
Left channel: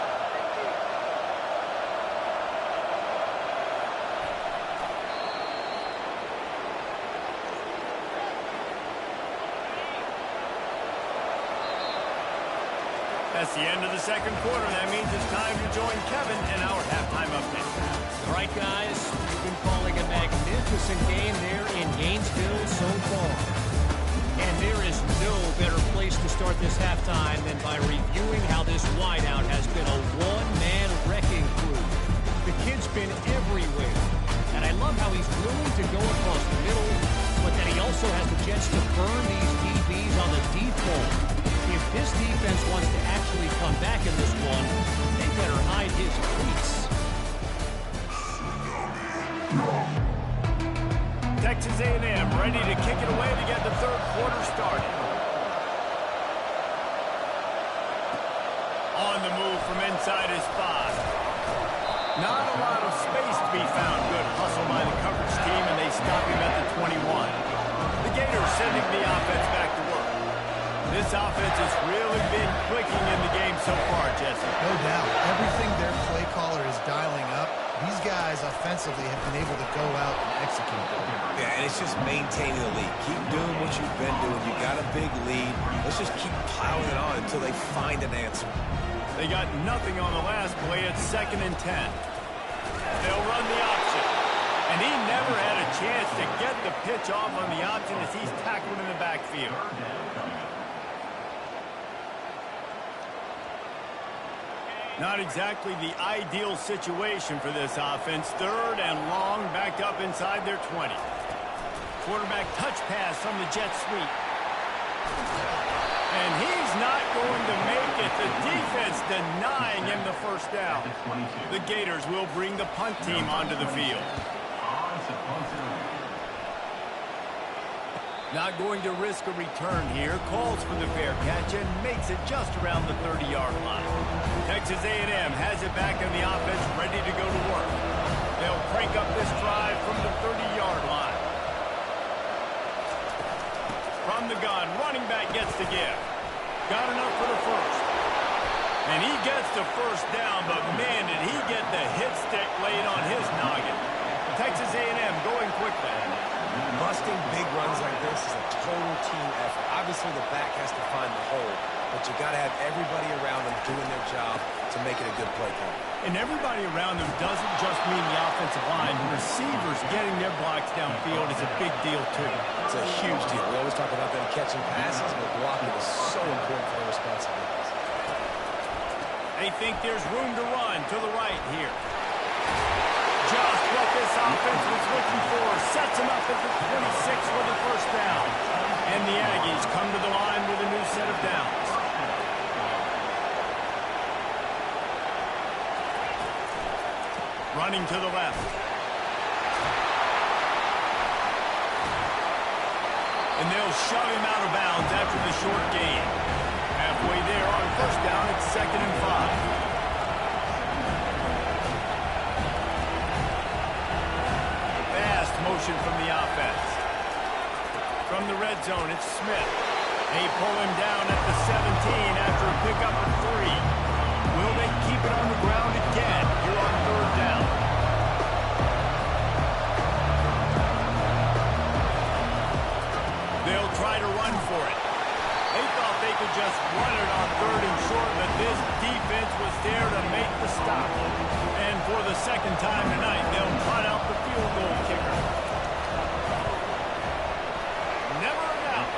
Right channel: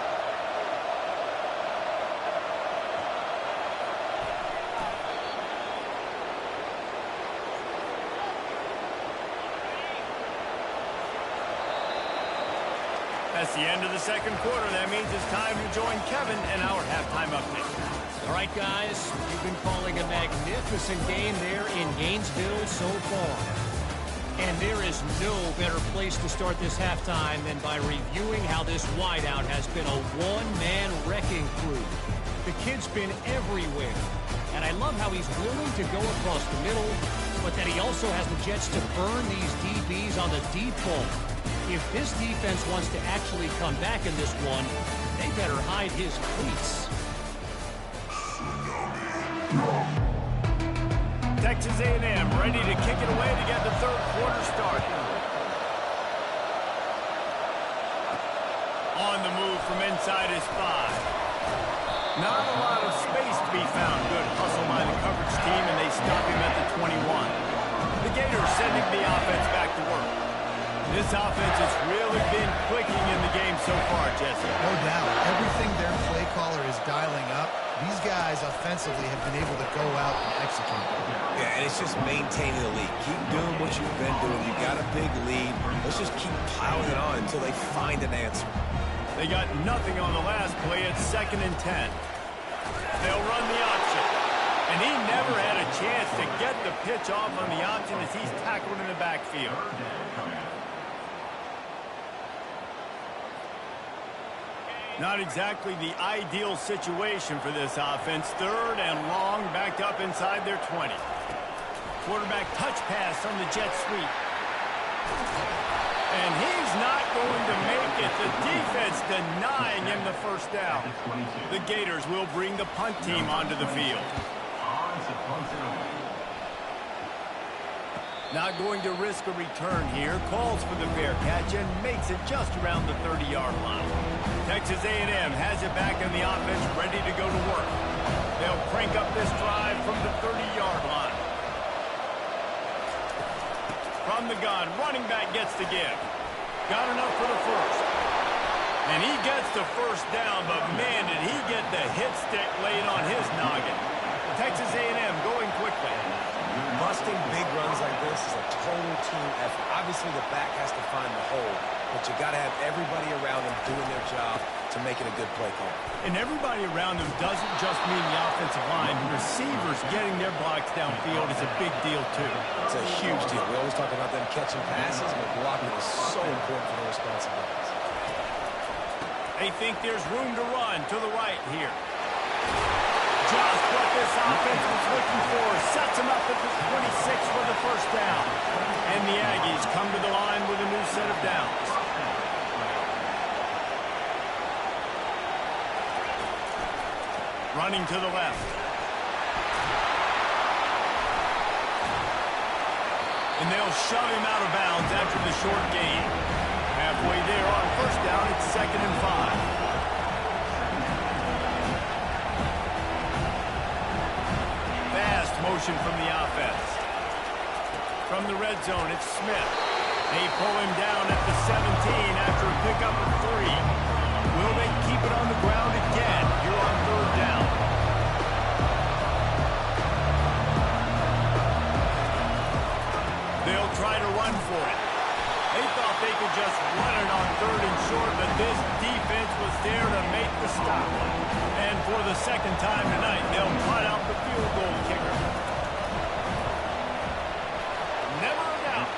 That's the end of the second quarter. That means it's time to join Kevin and our halftime update. All right, guys, we've been calling a magnificent game there in Gainesville so far. And there is no better place to start this halftime than by reviewing how this wideout has been a one-man wrecking crew. The kid's been everywhere, and I love how he's willing to go across the middle, but that he also has the jets to burn these DBs on the deep ball. If this defense wants to actually come back in this one, they better hide his cleats. Texas A&M ready to kick it away to get the third quarter started. On the move from inside his 5. Not a lot of space to be found. Good hustle by the coverage team, and they stop him at the 21. The Gators sending the offense back to work. This offense has really been clicking in the game so far, Jesse. No doubt. Everything their play caller is dialing up, these guys offensively have been able to go out and execute. Yeah, and it's just maintaining the lead. Keep doing what you've been doing. You got a big lead. Let's just keep piling it on until they find an answer. They got nothing on the last play. It's 2nd and 10. They'll run the option. And he never had a chance to get the pitch off on the option as he's tackled in the backfield. Not exactly the ideal situation for this offense. 3rd and long, backed up inside their 20. Quarterback touch pass on the jet sweep. And he's not going to make it. The defense denying him the first down. The Gators will bring the punt team onto the field. Not going to risk a return here. Calls for the fair catch and makes it just around the 30-yard line. Texas A&M has it back in the offense, ready to go to work. They'll crank up this drive from the 30-yard line. From the gun, running back gets to give. Got enough for the first. And he gets the first down, but man, did he get the hit stick laid on his noggin. Texas A&M going quickly. Busting big runs like this is a total team effort. Obviously, the back has to find the hole, but you got to have everybody around them doing their job to make it a good play call. And everybody around them doesn't just mean the offensive line. Receivers getting their blocks downfield is a big deal, too. It's a huge deal. We always talk about them catching passes, but blocking is so important for their responsibilities. They think there's room to run to the right here. Just what this offense was looking for. Sets him up at the 26 for the first down. And the Aggies come to the line with a new set of downs. Running to the left. And they'll shove him out of bounds after the short gain. Halfway there on first down, it's 2nd and 5. Fast motion from the offense. From the red zone, it's Smith. They pull him down at the 17 after a pickup of 3. Will they keep it on the ground again here on 3rd down? They'll try to run for it. They thought they could just run it on 3rd and short, but this defense was there to make the stop. And for the second time tonight, they'll trot out the field goal kicker. Never a doubt.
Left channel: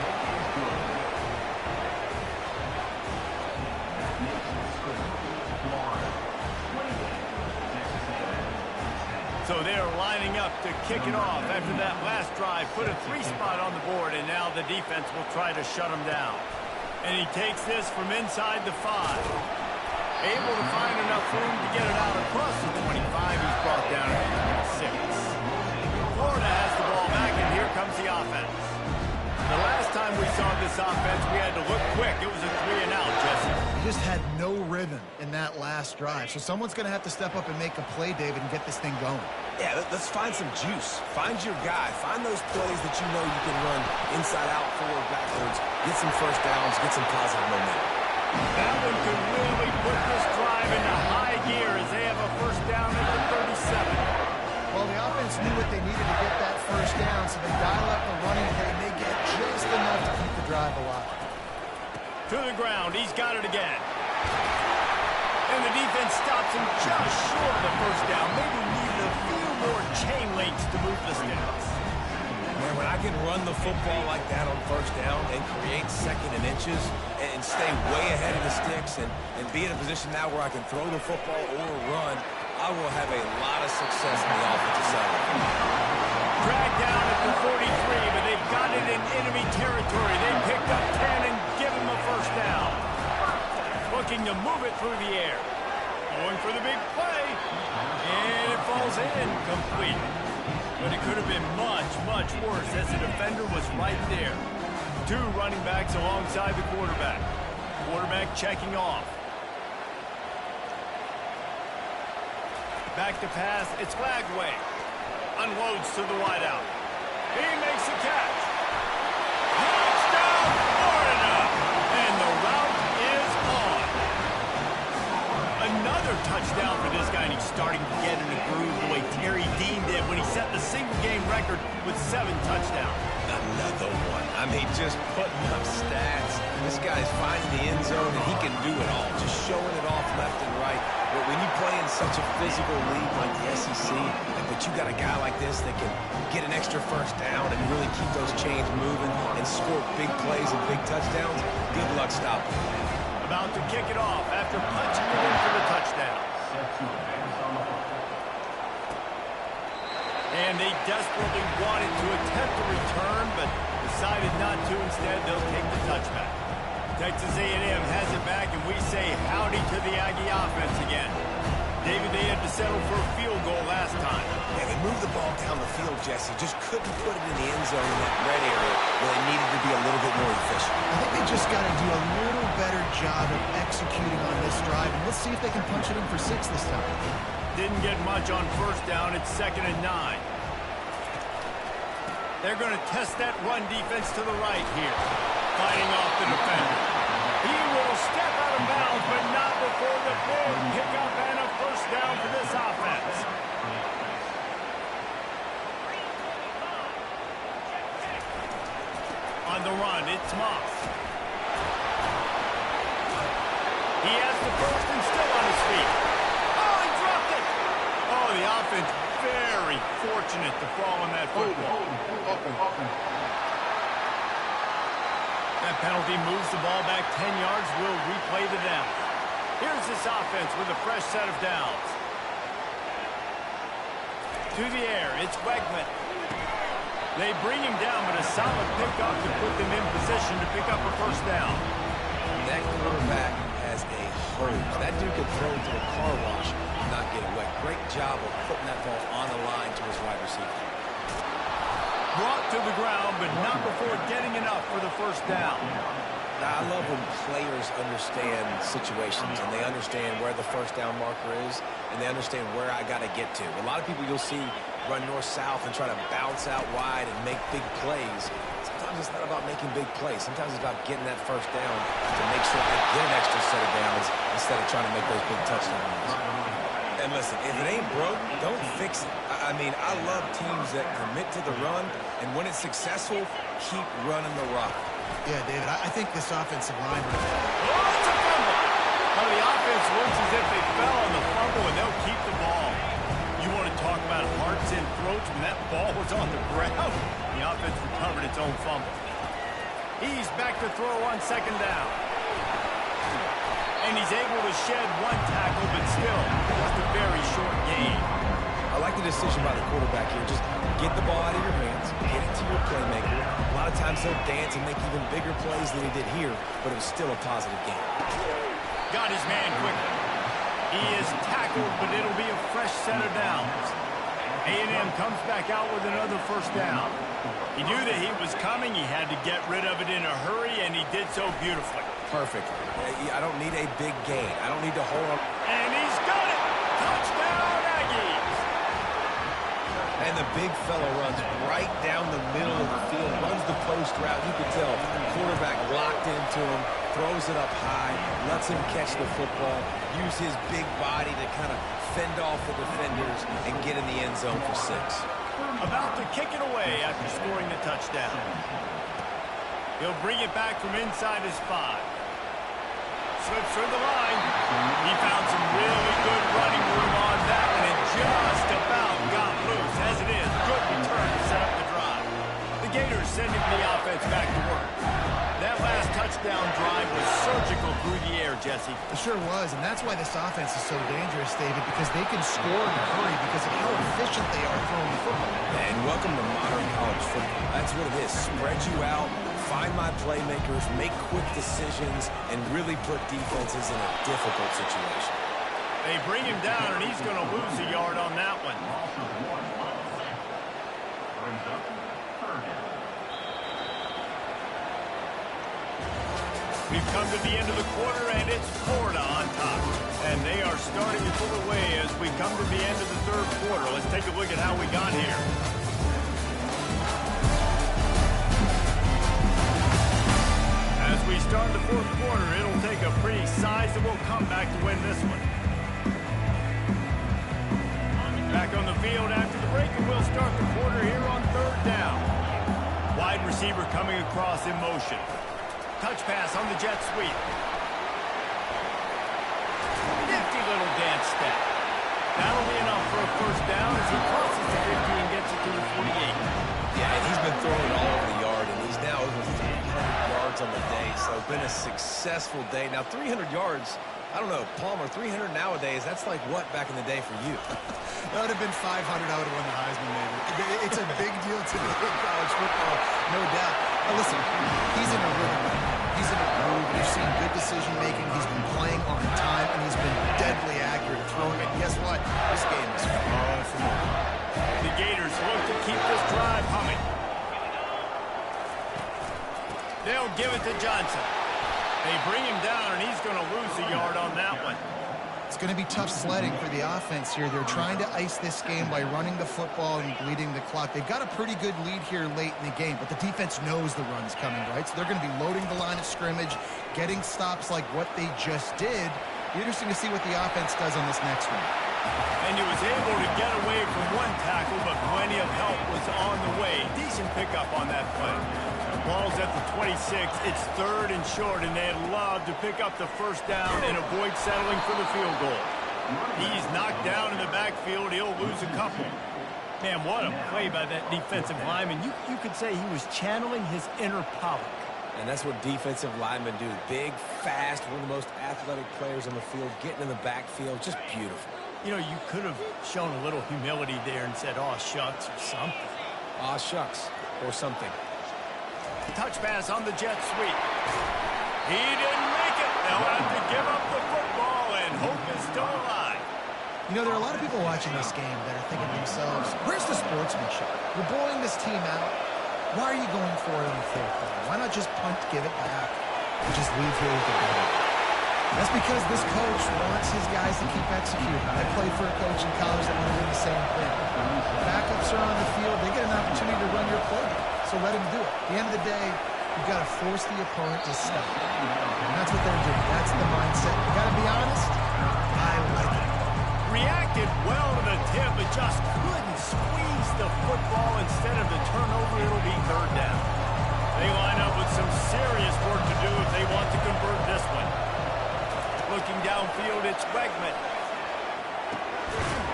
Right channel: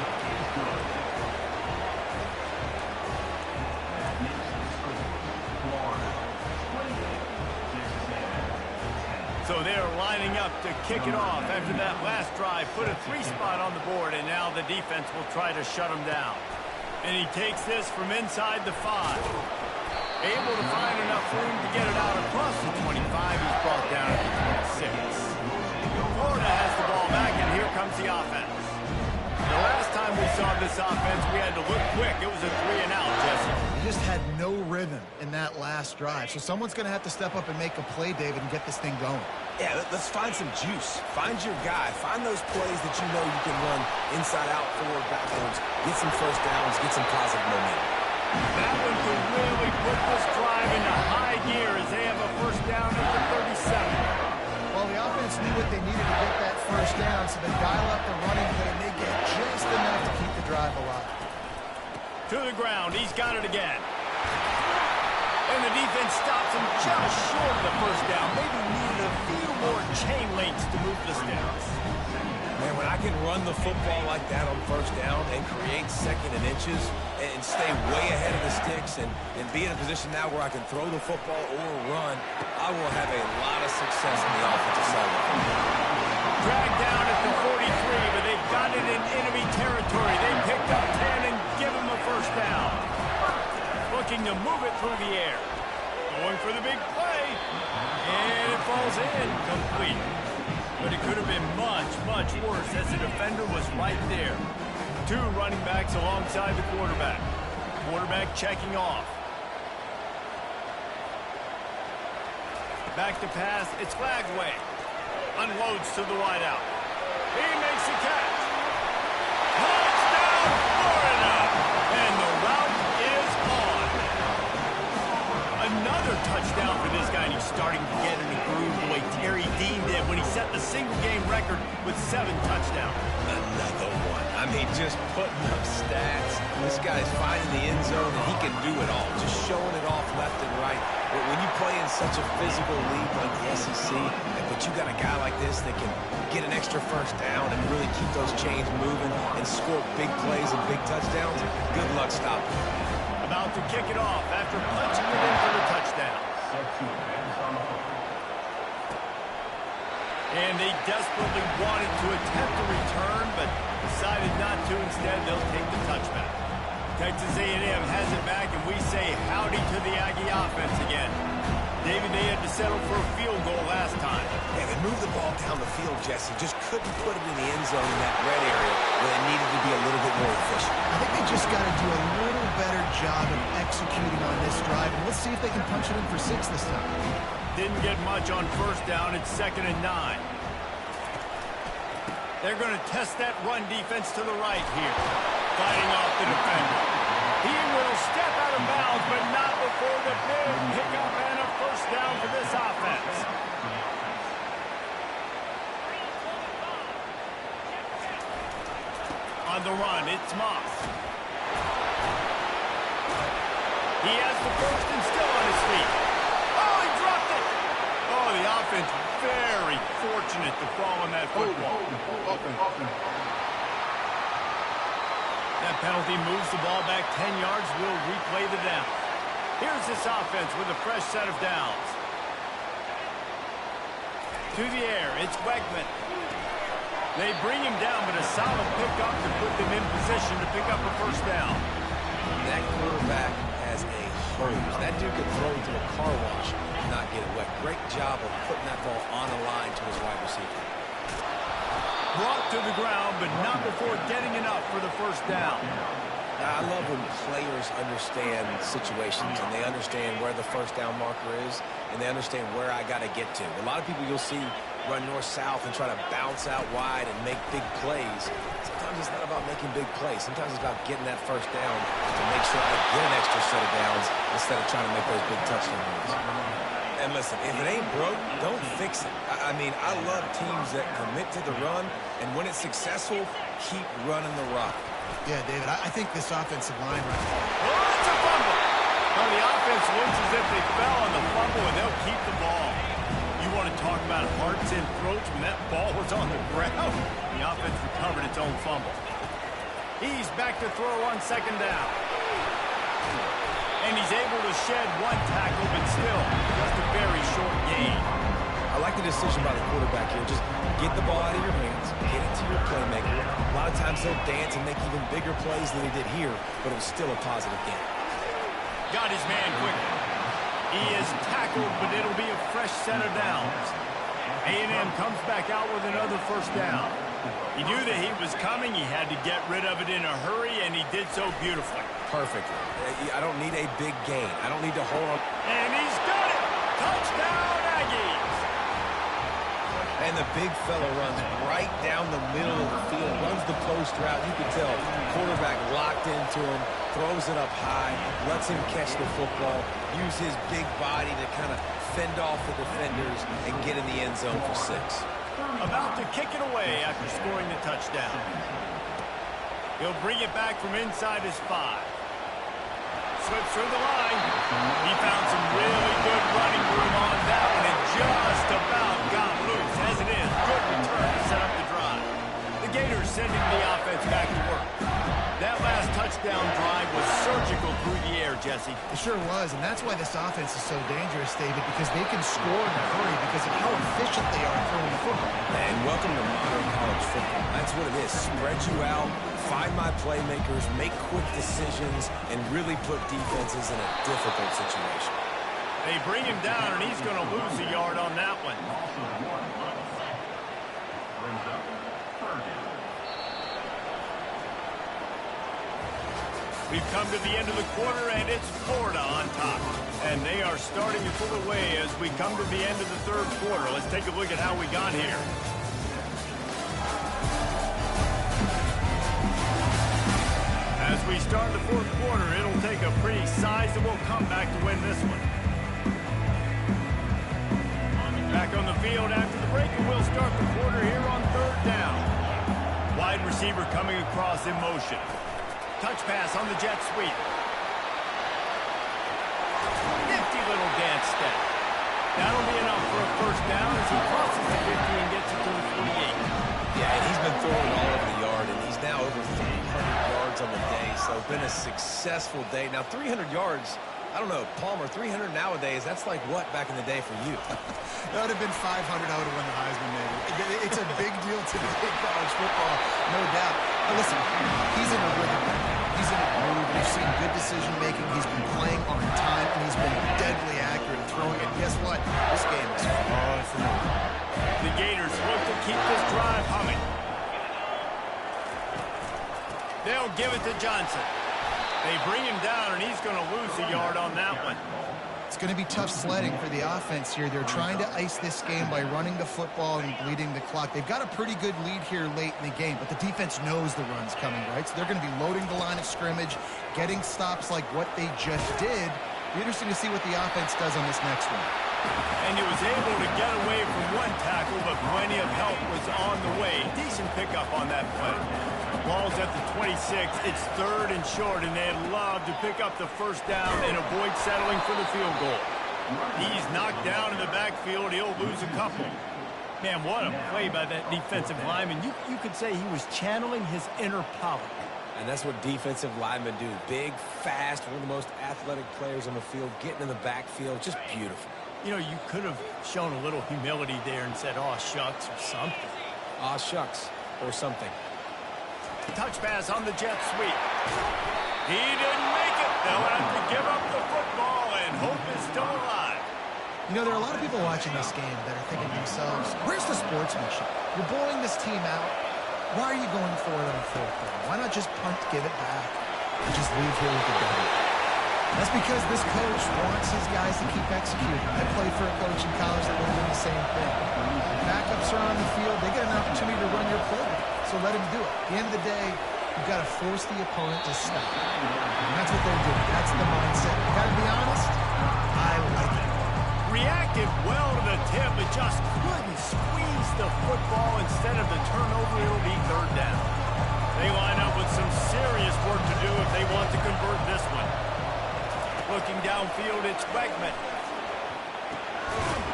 So they're lining up to kick it off after that last drive. Put a 3-spot on the board, and now the defense will try to shut them down. And he takes this from inside the 5. Able to find enough room to get it out across the 25. He's brought down at the 26. Florida has the ball back, and here comes the offense. The last time we saw this offense, we had to look quick. It was a 3-and-out, Jesse. He just had no rhythm in that last drive. So someone's going to have to step up and make a play, David, and get this thing going. Yeah, let's find some juice. Find your guy. Find those plays that you know you can run inside out, forward, backwards. Get some first downs. Get some positive momentum. That one could really put this drive into high gear as they have a first down at the 37. Well, the offense knew what they needed to get that first down, so they dial up the running play, and they get just enough to keep the drive alive. To the ground. He's got it again. And the defense stops him just short of the first down. Maybe needed a few more chain links to move the sticks. Man, when I can run the football like that on first down and create second and inches and stay way ahead of the sticks and be in a position now where I can throw the football or run, I will have a lot of success on the offensive side of the field. Dragged down at the 43, but they've got it in enemy territory. They picked up 10 and give him a first down. Looking to move it through the air. Going for the big play. And it falls in. Complete. But it could have been much, much worse as the defender was right there. 2 running backs alongside the quarterback. Quarterback checking off. Back to pass. It's Flagway. Unloads to the wideout. He makes a catch. Touchdown, Florida! And the route is on. Another touchdown for this guy, and he's starting to get in the groove the way Terry Dean did when he set the single-game record with 7 touchdowns. Another one. I mean, just putting up stats. This guy's finding the end zone, and he can do it all. Just showing it off left and right. But when you play in such a physical league like the SEC, but you got a guy like this that can get an extra first down and really keep those chains moving and score big plays and big touchdowns, good luck stopping him. About to kick it off after punching it in for the touchdown. And they desperately wanted to attempt a return, but decided not to. Instead, they'll take the touchback. Texas A&M has it back, and we say howdy to the Aggie offense again. David, they had to settle for a field goal last time. Yeah, they moved the ball down the field, Jesse. Just couldn't put it in the end zone in that red area where they needed to be a little bit more efficient. I think they just got to do a little better job of executing on this drive, and let's see if they can punch it in for 6 this time. Didn't get much on first down. It's 2nd and 9. They're going to test that run defense to the right here. Fighting off the defender. He will step out of bounds, but not before the big pickup and a first down for this offense. On the run, it's Moss. He has the first and still on his feet. Oh, he dropped it! Oh, the offense very fortunate to fall on that football. That penalty moves the ball back 10 yards. We'll replay the down. Here's this offense with a fresh set of downs. To the air, it's Wegman. They bring him down, but a solid pickup to put them in position to pick up a first down. That quarterback has a hose. That dude could throw it to a car wash and not get it wet. Great job of putting that ball on a line to his wide receiver. Brought to the ground, but not before getting enough for the first down. Now, I love when players understand situations and they understand where the first down marker is and they understand where I got to get to. A lot of people you'll see run north-south and try to bounce out wide and make big plays. Sometimes it's not about making big plays. Sometimes it's about getting that first down to make sure I get an extra set of downs instead of trying to make those big touchdown runs. And listen, if it ain't broke, don't fix it. I mean, I love teams that commit to the run, and when it's successful, keep running the rock. Yeah, David, I think this offensive line right now. Oh, it's a fumble. Well, the offense looks as if they fell on the fumble, and they'll keep the ball. You want to talk about hearts and throats when that ball was on the ground? The offense recovered its own fumble. He's back to throw on 2nd down. And he's able to shed 1 tackle, but still just a very short gain. I like the decision by the quarterback here. Just get the ball out of your hands, get it to your playmaker. A lot of times he'll dance and make even bigger plays than he did here, but it was still a positive game. Got his man quickly. He is tackled, but it'll be a fresh set of downs. A&M comes back out with another first down. He knew that he was coming. He had to get rid of it in a hurry, and he did so beautifully. Perfectly. I don't need a big gain. I don't need to hold on. And he's got it! Touchdown, Aggies! And the big fella runs right down the middle of the field, runs the post route. You can tell quarterback locked into him, throws it up high, lets him catch the football, use his big body to kind of fend off the defenders and get in the end zone for 6. About to kick it away after scoring the touchdown. He'll bring it back from inside his 5. Slips through the line. He found some really good running room on that one and just about got loose. As it is, good return to set up the drive. The Gators sending the offense back to work. That last touchdown drive was surgical through the air, Jesse. It sure was, and that's why this offense is so dangerous, David, because they can score in a hurry because of how efficient they are throwing the football. And welcome to modern college football. That's what it is. Spread you out, find my playmakers, make quick decisions, and really put defenses in a difficult situation. They bring him down, and he's going to lose a yard on that one. Brings up third down. We've come to the end of the quarter, and it's Florida on top. And they are starting to pull away as we come to the end of the third quarter. Let's take a look at how we got here. As we start the fourth quarter, it'll take a pretty sizable comeback to win this one. Back on the field after the break, and we'll start the quarter here on third down. Wide receiver coming across in motion. Touch pass on the jet sweep. Nifty little dance step. That'll be enough for a first down as he crosses the 50 and gets it to the 48. Yeah, and he's been throwing it all over the yard, and he's now over 300 yards on the day, so it's been a successful day. Now, 300 yards, I don't know, Palmer, 300 nowadays, that's like what back in the day for you? That would have been 500. I would have won the Heisman, maybe. It's a big deal today in college football, no doubt. Now, listen, he's in a rhythm right now. He's in a groove. We've seen good decision-making. He's been playing on time, and he's been deadly accurate at throwing it. Guess what? This game is far from over. The Gators look to keep this drive humming. They'll give it to Johnson. They bring him down, and he's going to lose a yard on that one. It's going to be tough sledding for the offense here. They're trying to ice this game by running the football and bleeding the clock. They've got a pretty good lead here late in the game, but the defense knows the run's coming, right? So they're going to be loading the line of scrimmage, getting stops like what they just did. Be interesting to see what the offense does on this next one. And he was able to get away from one tackle, but plenty of help was on the way. Decent pickup on that play. Ball's at the 26. It's third and short, and they'd love to pick up the first down and avoid settling for the field goal. He's knocked down in the backfield. He'll lose a couple. Man, what a play by that defensive lineman. You could say he was channeling his inner Pollock. And that's what defensive linemen do. Big, fast, one of the most athletic players on the field, getting in the backfield, just beautiful. You know, you could have shown a little humility there and said, "Aw, shucks," or something. Aw, shucks, or something. Touch pass on the jet sweep. He didn't make it. They'll have to give up the football, and hope is still alive. You know, there are a lot of people watching this game that are thinking to themselves, where's the sportsmanship? You're blowing this team out. Why are you going for it on fourth down? Why not just punt, give it back, and just leave here with the W? That's because this coach wants his guys to keep executing. I played for a coach in college that would have done the same thing. Backups are on the field. They get an opportunity to run your playbook, so let him do it. At the end of the day, you've got to force the opponent to stop. And that's what they're doing. That's the mindset. You got to be honest, I like it. Reacted well to the tip, but just couldn't squeeze the football. Instead of the turnover, it'll be third down. They line up with some serious work to do if they want to convert this one. Looking downfield, it's Wegman.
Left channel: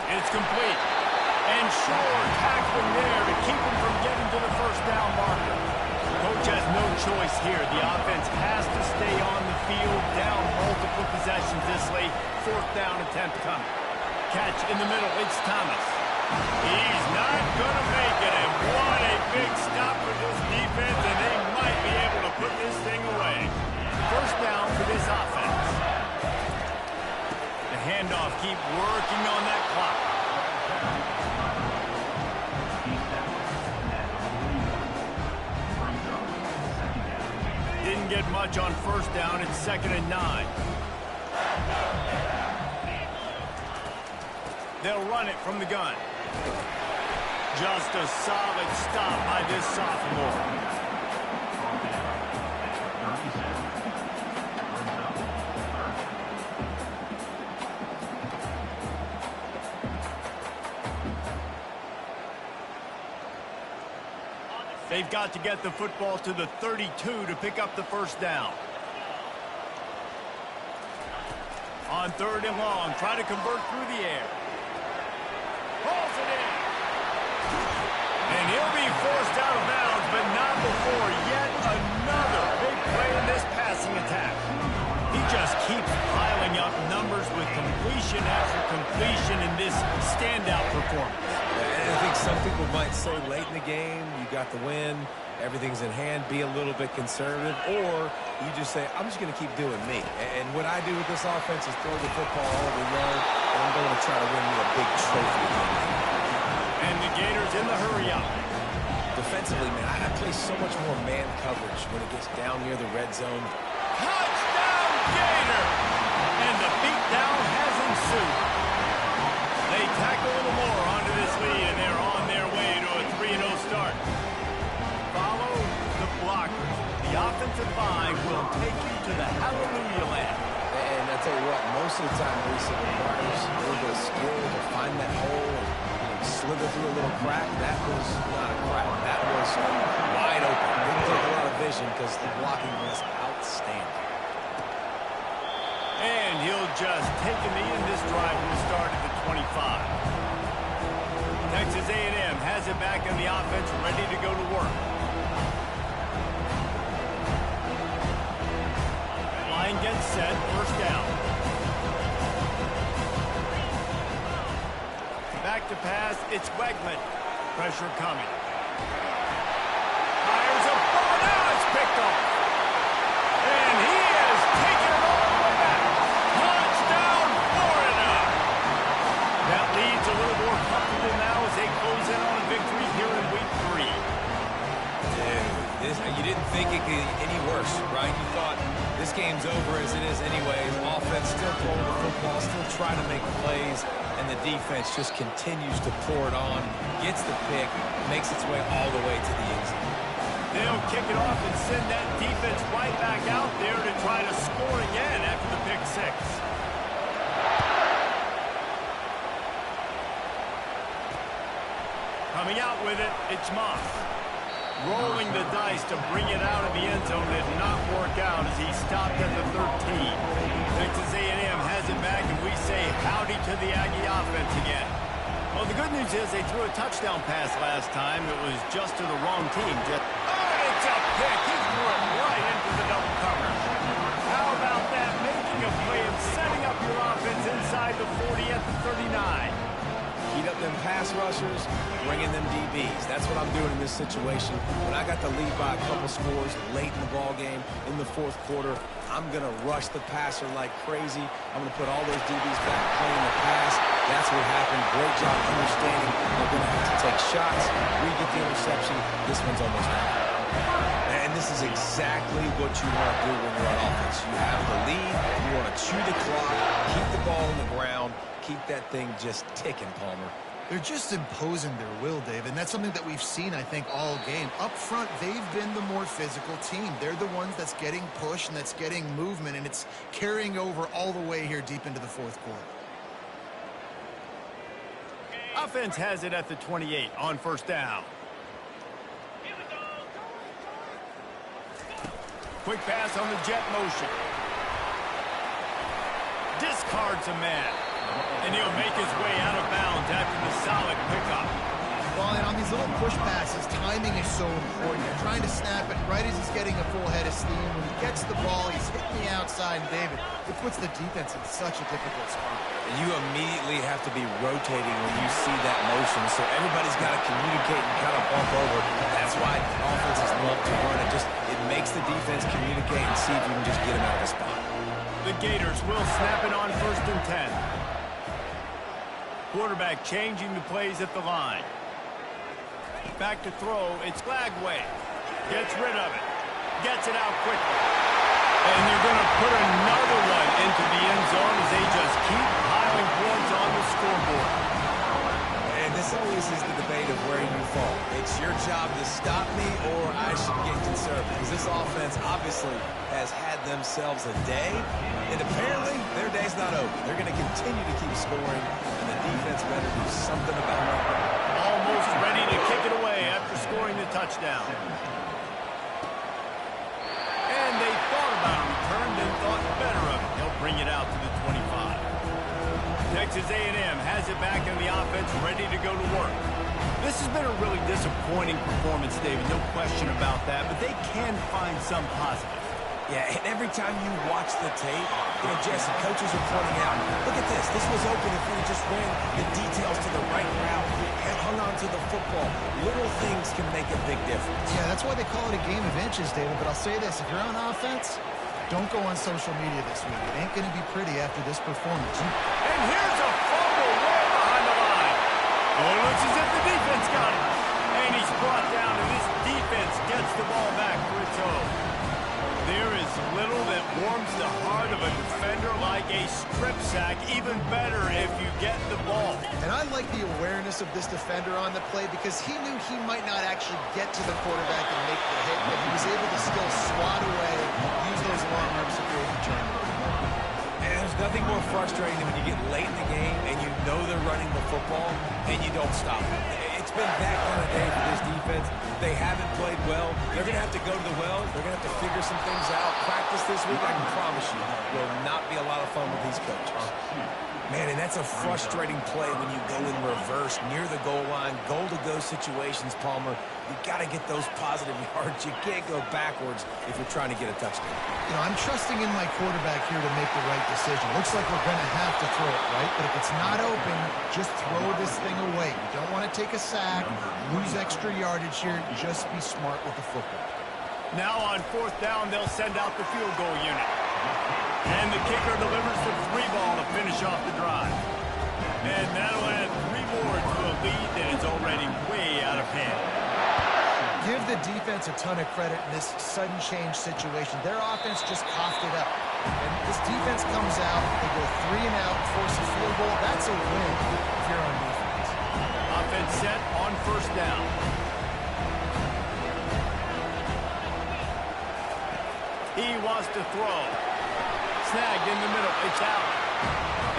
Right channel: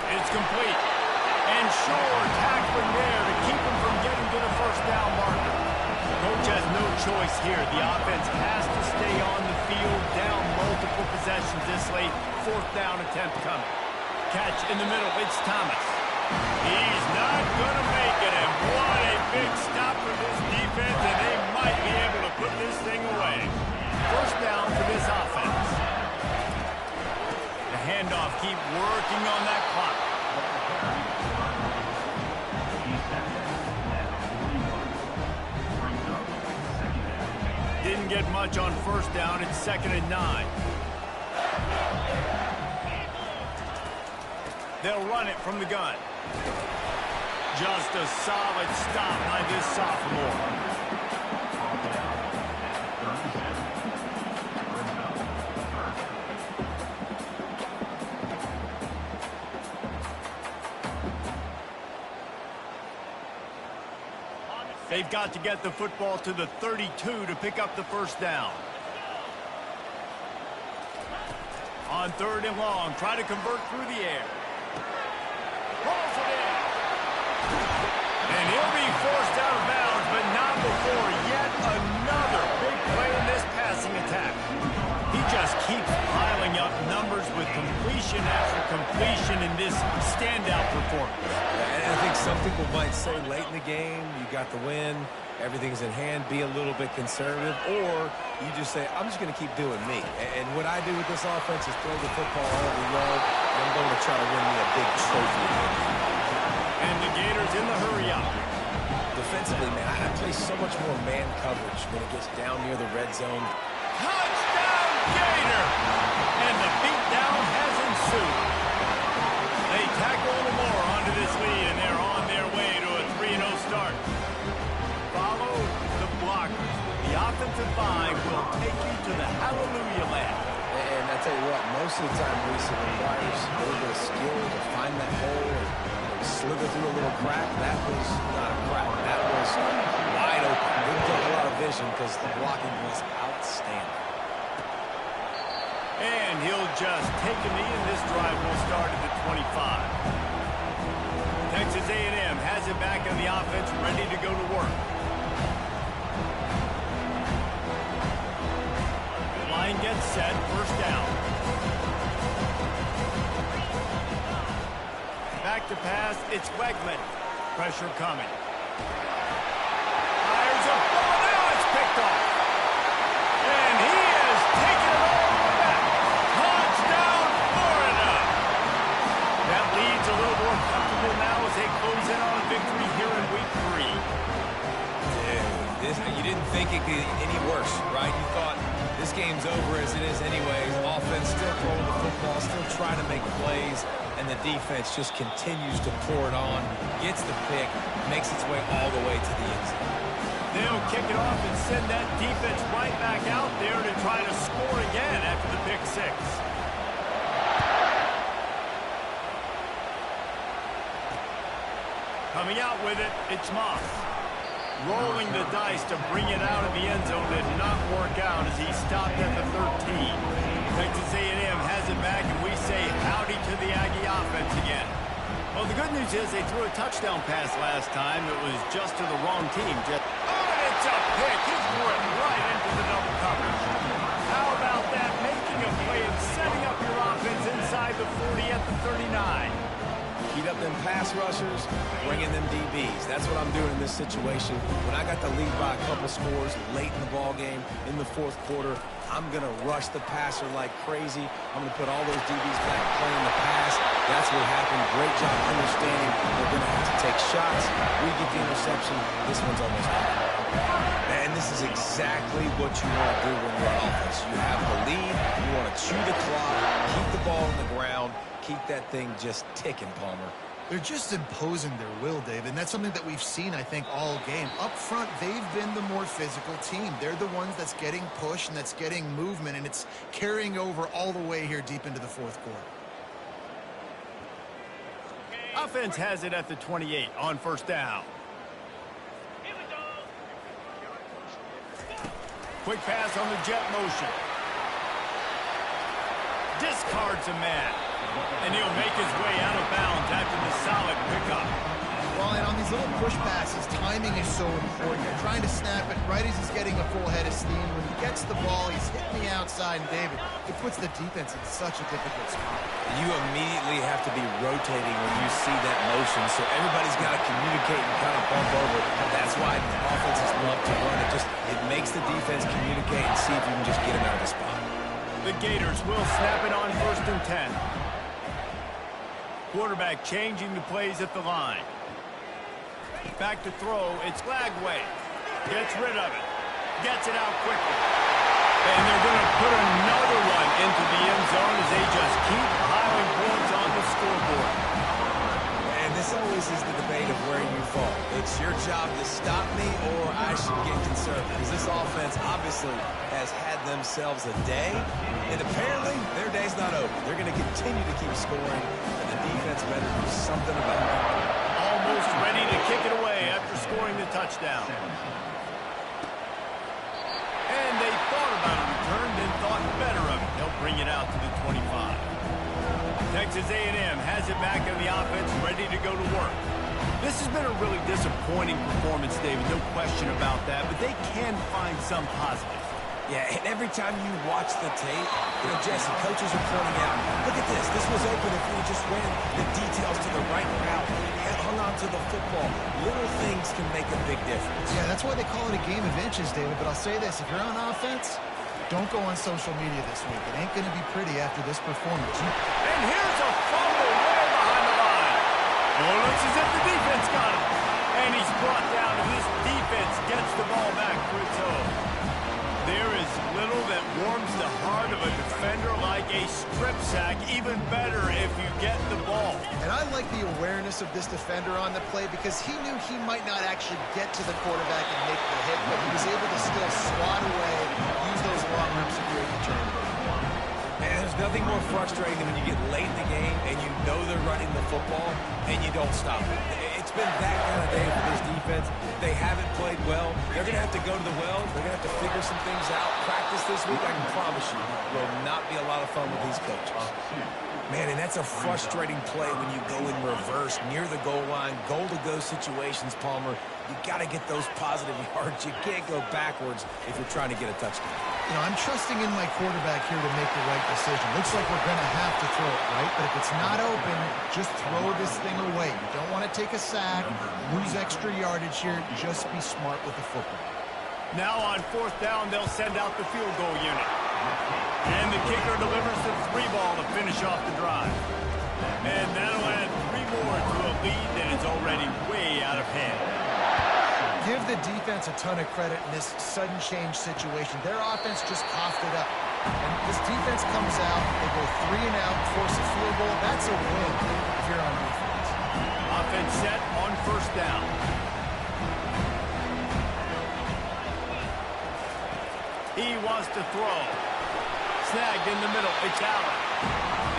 It's complete. And Shore tackling there to keep him from getting to the first down marker. Coach has no choice here. The offense has to stay on the field, down multiple possessions this late. Fourth down attempt coming. Catch in the middle, it's Thomas. He's not going to make it, and what a big stop for this defense, and they might be able to put this thing away. First down for this offense. The handoff, keep working on that clock. Didn't get much on first down. It's 2nd and 9. They'll run it from the gun. Just a solid stop by this sophomore. They've got to get the football to the 32 to pick up the first down. On 3rd and long, try to convert through the air. Pulls it in. And he'll be forced out of bounds, but not before yet another big play in this passing attack. He just keeps piling up numbers with completion after completion in this standout performance. And I think some people might say late in the game, you got the win, everything's in hand, be a little bit conservative, or you just say, I'm just going to keep doing me. And what I do with this offense is throw the football all over the yard, and I'm going to try to win me a big trophy again. And the Gators in the hurry-up. Defensively, man, I play so much more man coverage when it gets down near the red zone. Touchdown, Gator! And the beatdown has ensued. They tack a little more onto this lead, and they're on their way to a 3-0 start. Follow the blockers. The offensive line will take you to the hallelujah land. And I tell you what, most of the time, Reese, it requires a little bit of skill to find that hole and slither through a little crack. That was not a crack. That was wide open. Didn't take a lot of vision because the blocking was outstanding. And he'll just take a knee, and this drive will start at the 25. Texas A&M has it back on the offense, ready to go to work. Line gets set, first down. Back to pass, it's Wegman. Pressure coming. Fires a ball, now it's picked off. And he has taken it all the way back. Touchdown, Florida. That lead's a little more comfortable now as they close in on a victory here in week 3. Dude, you didn't think it could get any worse, right? You thought this game's over as it is anyways. Offense still throwing the football, still trying to make plays, and the defense just continues to pour it on, gets the pick, makes its way all the way to the end zone. They'll kick it off and send that defense right back out there to try to score again after the pick 6. Coming out with it, it's Moss. Rolling the dice to bring it out of the end zone did not work out as he stopped at the 13. Texas A&M has it back, and we say howdy to the Aggie offense again. Well, the good news is they threw a touchdown pass last time. It was just to the wrong team. And it's a pick. He threw it right into the double coverage. How about that? Making a play and setting up your offense inside the 40 at the 39. Heat up them pass rushers, bring in them DBs. That's what I'm doing in this situation. When I got the lead by a couple scores late in the ball game, in the 4th quarter, I'm going to rush the passer like crazy. I'm going to put all those DBs back playing the pass. That's what happened. Great job understanding they're going to have to take shots. We get the interception. This one's almost done. And this is exactly what you want to do when you're on offense. You have the lead. You want to chew the clock, keep the ball on the ground, keep that thing just ticking, Palmer. They're just imposing their will, Dave, and that's something that we've seen, I think, all game. Up front, they've been the more physical team. They're the ones that's getting pushed and that's getting movement, and it's carrying over all the way here deep into the 4th quarter. Offense has it at the 28 on first down. Quick pass on the jet motion. Discards a man. And he'll make his way out of bounds after the solid pickup. Well, and on these little push passes, timing is so important. You're trying to snap it right as he's getting a full head of steam. When he gets the ball, he's hitting the outside, and David, it puts the defense in such a difficult spot. You immediately have to be rotating when you see that motion, so everybody's got to communicate and kind of bump over. That's why offenses love to run it. It makes the defense communicate and see if you can just get him out of the spot. The Gators will snap it on 1st and 10. Quarterback changing the plays at the line. Back to throw. It's Lagway. Gets rid of it. Gets it out quickly. And they're going to put another one into the end zone as they just keep piling points on the scoreboard. And this always is the debate of where you fall. It's your job to stop me or I should get conservative. Because this offense obviously has had themselves a day. And apparently their day's not over. They're going to continue to keep scoring. And the defense better do something about it. Almost ready to kick it away after scoring the touchdown. And they thought about a return, then thought better of it. They'll bring it out to the 25. Texas A&M has it back on the offense, ready to go to work. This has been a really disappointing performance, David, no question about that, but they can find some positives. Yeah, and every time you watch the tape, Jesse, coaches are pointing out, look at this. This was open if we just ran the details to the right route, hung on to the football. Little things can make a big difference. Yeah, that's why they call it a game of inches, David. But I'll say this, if you're on offense, don't go on social media this week. It ain't going to be pretty after this performance. And here's a fumble way behind the line. Oh, it looks as if the defense got him. And he's brought down, and this defense gets the ball back for its own. There is little that warms the heart of a defender like a strip sack. Even better if you get the ball. And I like the awareness of this defender on the play because he knew he might not actually get to the quarterback and make the hit, but he was able to still swat away, use those long arms to create the turnover. And there's nothing more frustrating than when you get late in the game and you know they're running the football and you don't stop it. It's been that kind of day for this defense. They haven't played well. They're going to have to go to the well. They're going to have to figure some things out. Practice this week, I can promise you, will not be a lot of fun with these coaches. Man, and that's a frustrating play when you go in reverse near the goal line, goal-to-go situations, Palmer. You got to get those positive yards. You can't go backwards if you're trying to get a touchdown. I'm trusting in my quarterback here to make the right decision. Looks like we're going to have to throw it, right? But if it's not open, just throw this thing away. You don't want to take a sack, lose extra yardage here. Just be smart with the football. Now on 4th down, they'll send out the field goal unit. And the kicker delivers the 3-ball to finish off the drive. And that'll add 3 more to a lead that is already way out of hand. Give the defense a ton of credit in this sudden change situation. Their offense just coughed it up. And this defense comes out, they go 3 and out, force a field goal. That's a win if you're on defense. Offense set on 1st down. He wants to throw. Snagged in the middle. It's Allen.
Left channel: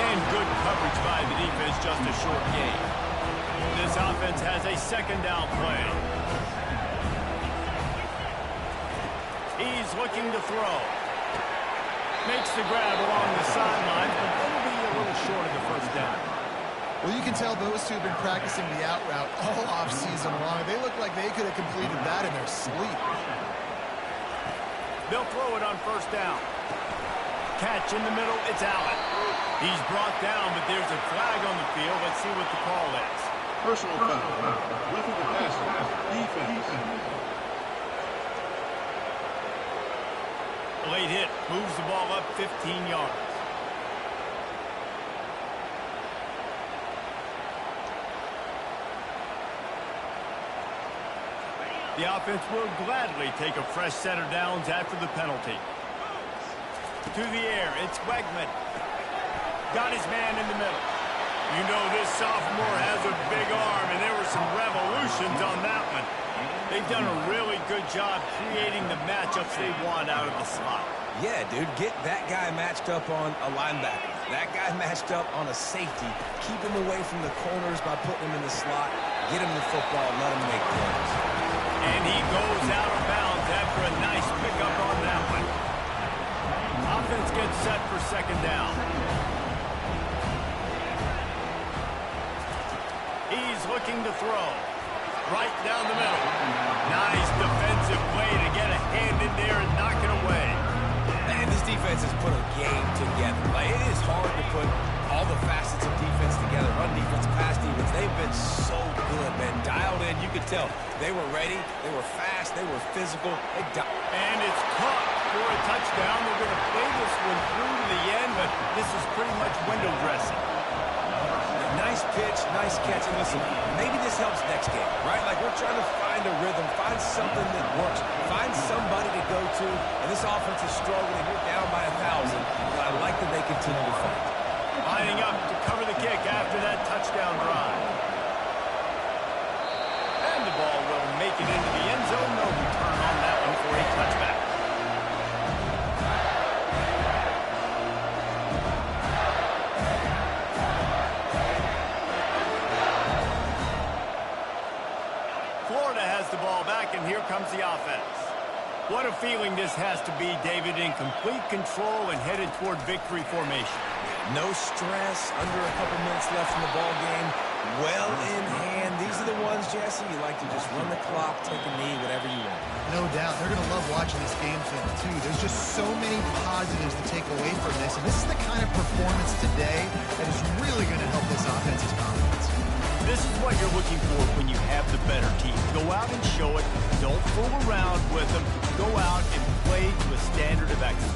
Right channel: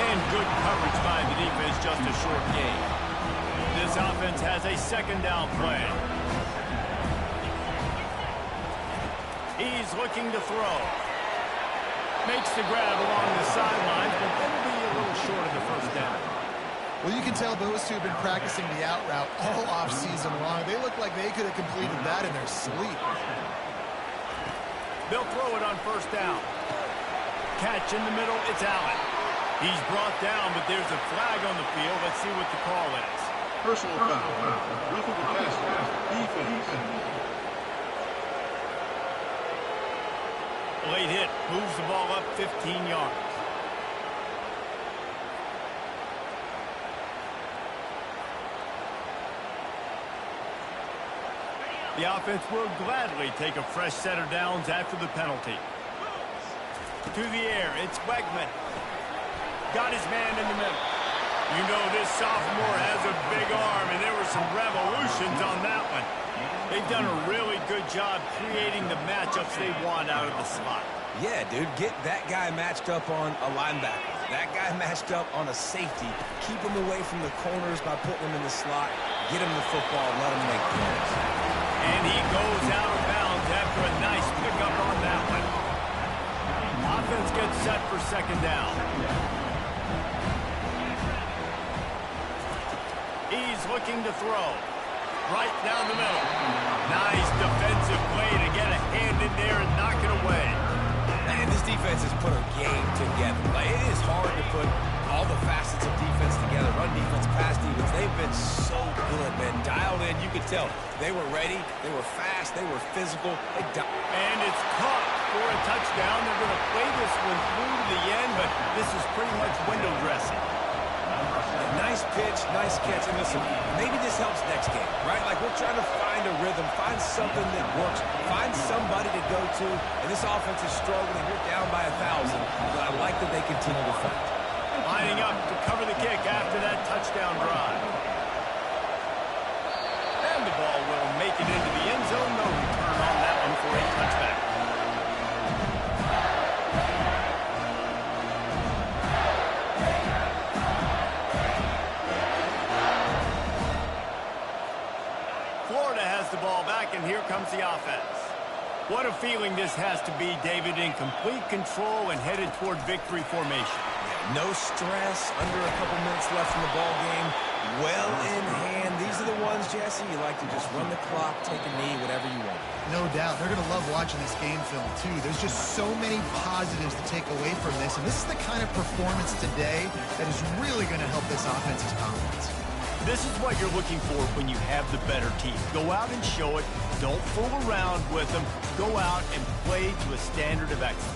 And good coverage by the defense, just a short gain. This offense has a 2nd down play. He's looking to throw. Makes the grab along the sidelines, but that'll be a little short of the 1st down. Well, you can tell those two have been practicing the out route all offseason long. They look like they could have completed that in their sleep. They'll throw it on 1st down. Catch in the middle, it's Allen. He's brought down, but there's a flag on the field. Let's see what the call is. Personal foul. Roughing the passer. Defense. Late hit. Moves the ball up 15 yards. The offense will gladly take a fresh set of downs after the penalty. To the air, it's Wegman. Got his man in the middle. You know this sophomore has a big arm, and there were some revolutions on that one. They've done a really good job creating the matchups they want out of the slot. Yeah, dude, get that guy matched up on a linebacker. That guy matched up on a safety. Keep him away from the corners by putting him in the slot. Get him the football, let him make plays. And he goes out of bounds after a nice pickup on that one. Offense gets set for 2nd down. He's looking to throw. right down the middle. Nice defensive play to get a hand in there and knock it away. And this defense has put a game together. Like, it is hard to put all the facets of defense together. Run defense, pass defense. They've been so good, man. Dialed in. You could tell they were ready. They were fast. They were physical. And it's caught for a touchdown. They're going to play this one through to the end, but this is pretty much window dressing. Nice pitch, nice catch. And listen, maybe this helps next game, right? Like, we're trying to find a rhythm, find something that works, find somebody to go to. And this offense is struggling. You're down by 1,000, but I like that they continue to fight. Lining up to cover the kick after that touchdown drive. And the ball will make it into the end zone. No return on that one for a touchback. Florida has the ball back, and here comes the offense. What a feeling this has to be, David, in complete control and headed toward victory formation. No stress, under a couple minutes left in the ball game. Well in hand. These are the ones, Jesse, you like to just run the clock, take a knee, whatever you want. No doubt. They're going to love watching this game film, too. There's just so many positives to take away from this, and this is the kind of performance today that is really going to help this offense's confidence. This is what you're looking for when you have the better team. Go out and show it. Don't fool around with them. Go out and play to a standard of excellence.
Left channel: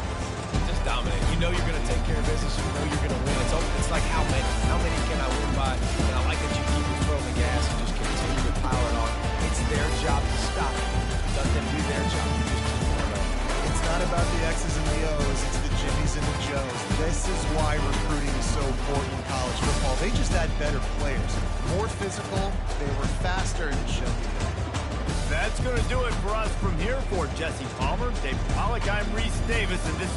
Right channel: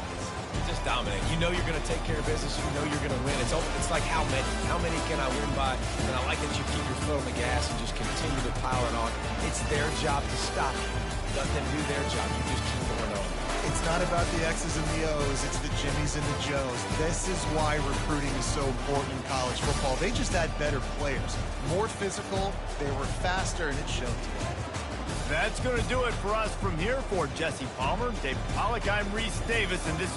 Just dominate. You know you're going to take care of business. You know you're going to win. It's like how many? How many can I win by? And I like that you keep your foot on the gas and just continue to pile it on. It's their job to stop you. Let them do their job. You just keep going on. It's not about the X's and the O's. It's the Jimmies and the Joes. This is why recruiting is so important in college football. They just had better players. More physical, they were faster, and it showed today. That's going to do it for us from here. For Jesse Palmer, Dave Pollack, I'm Reese Davis, and this is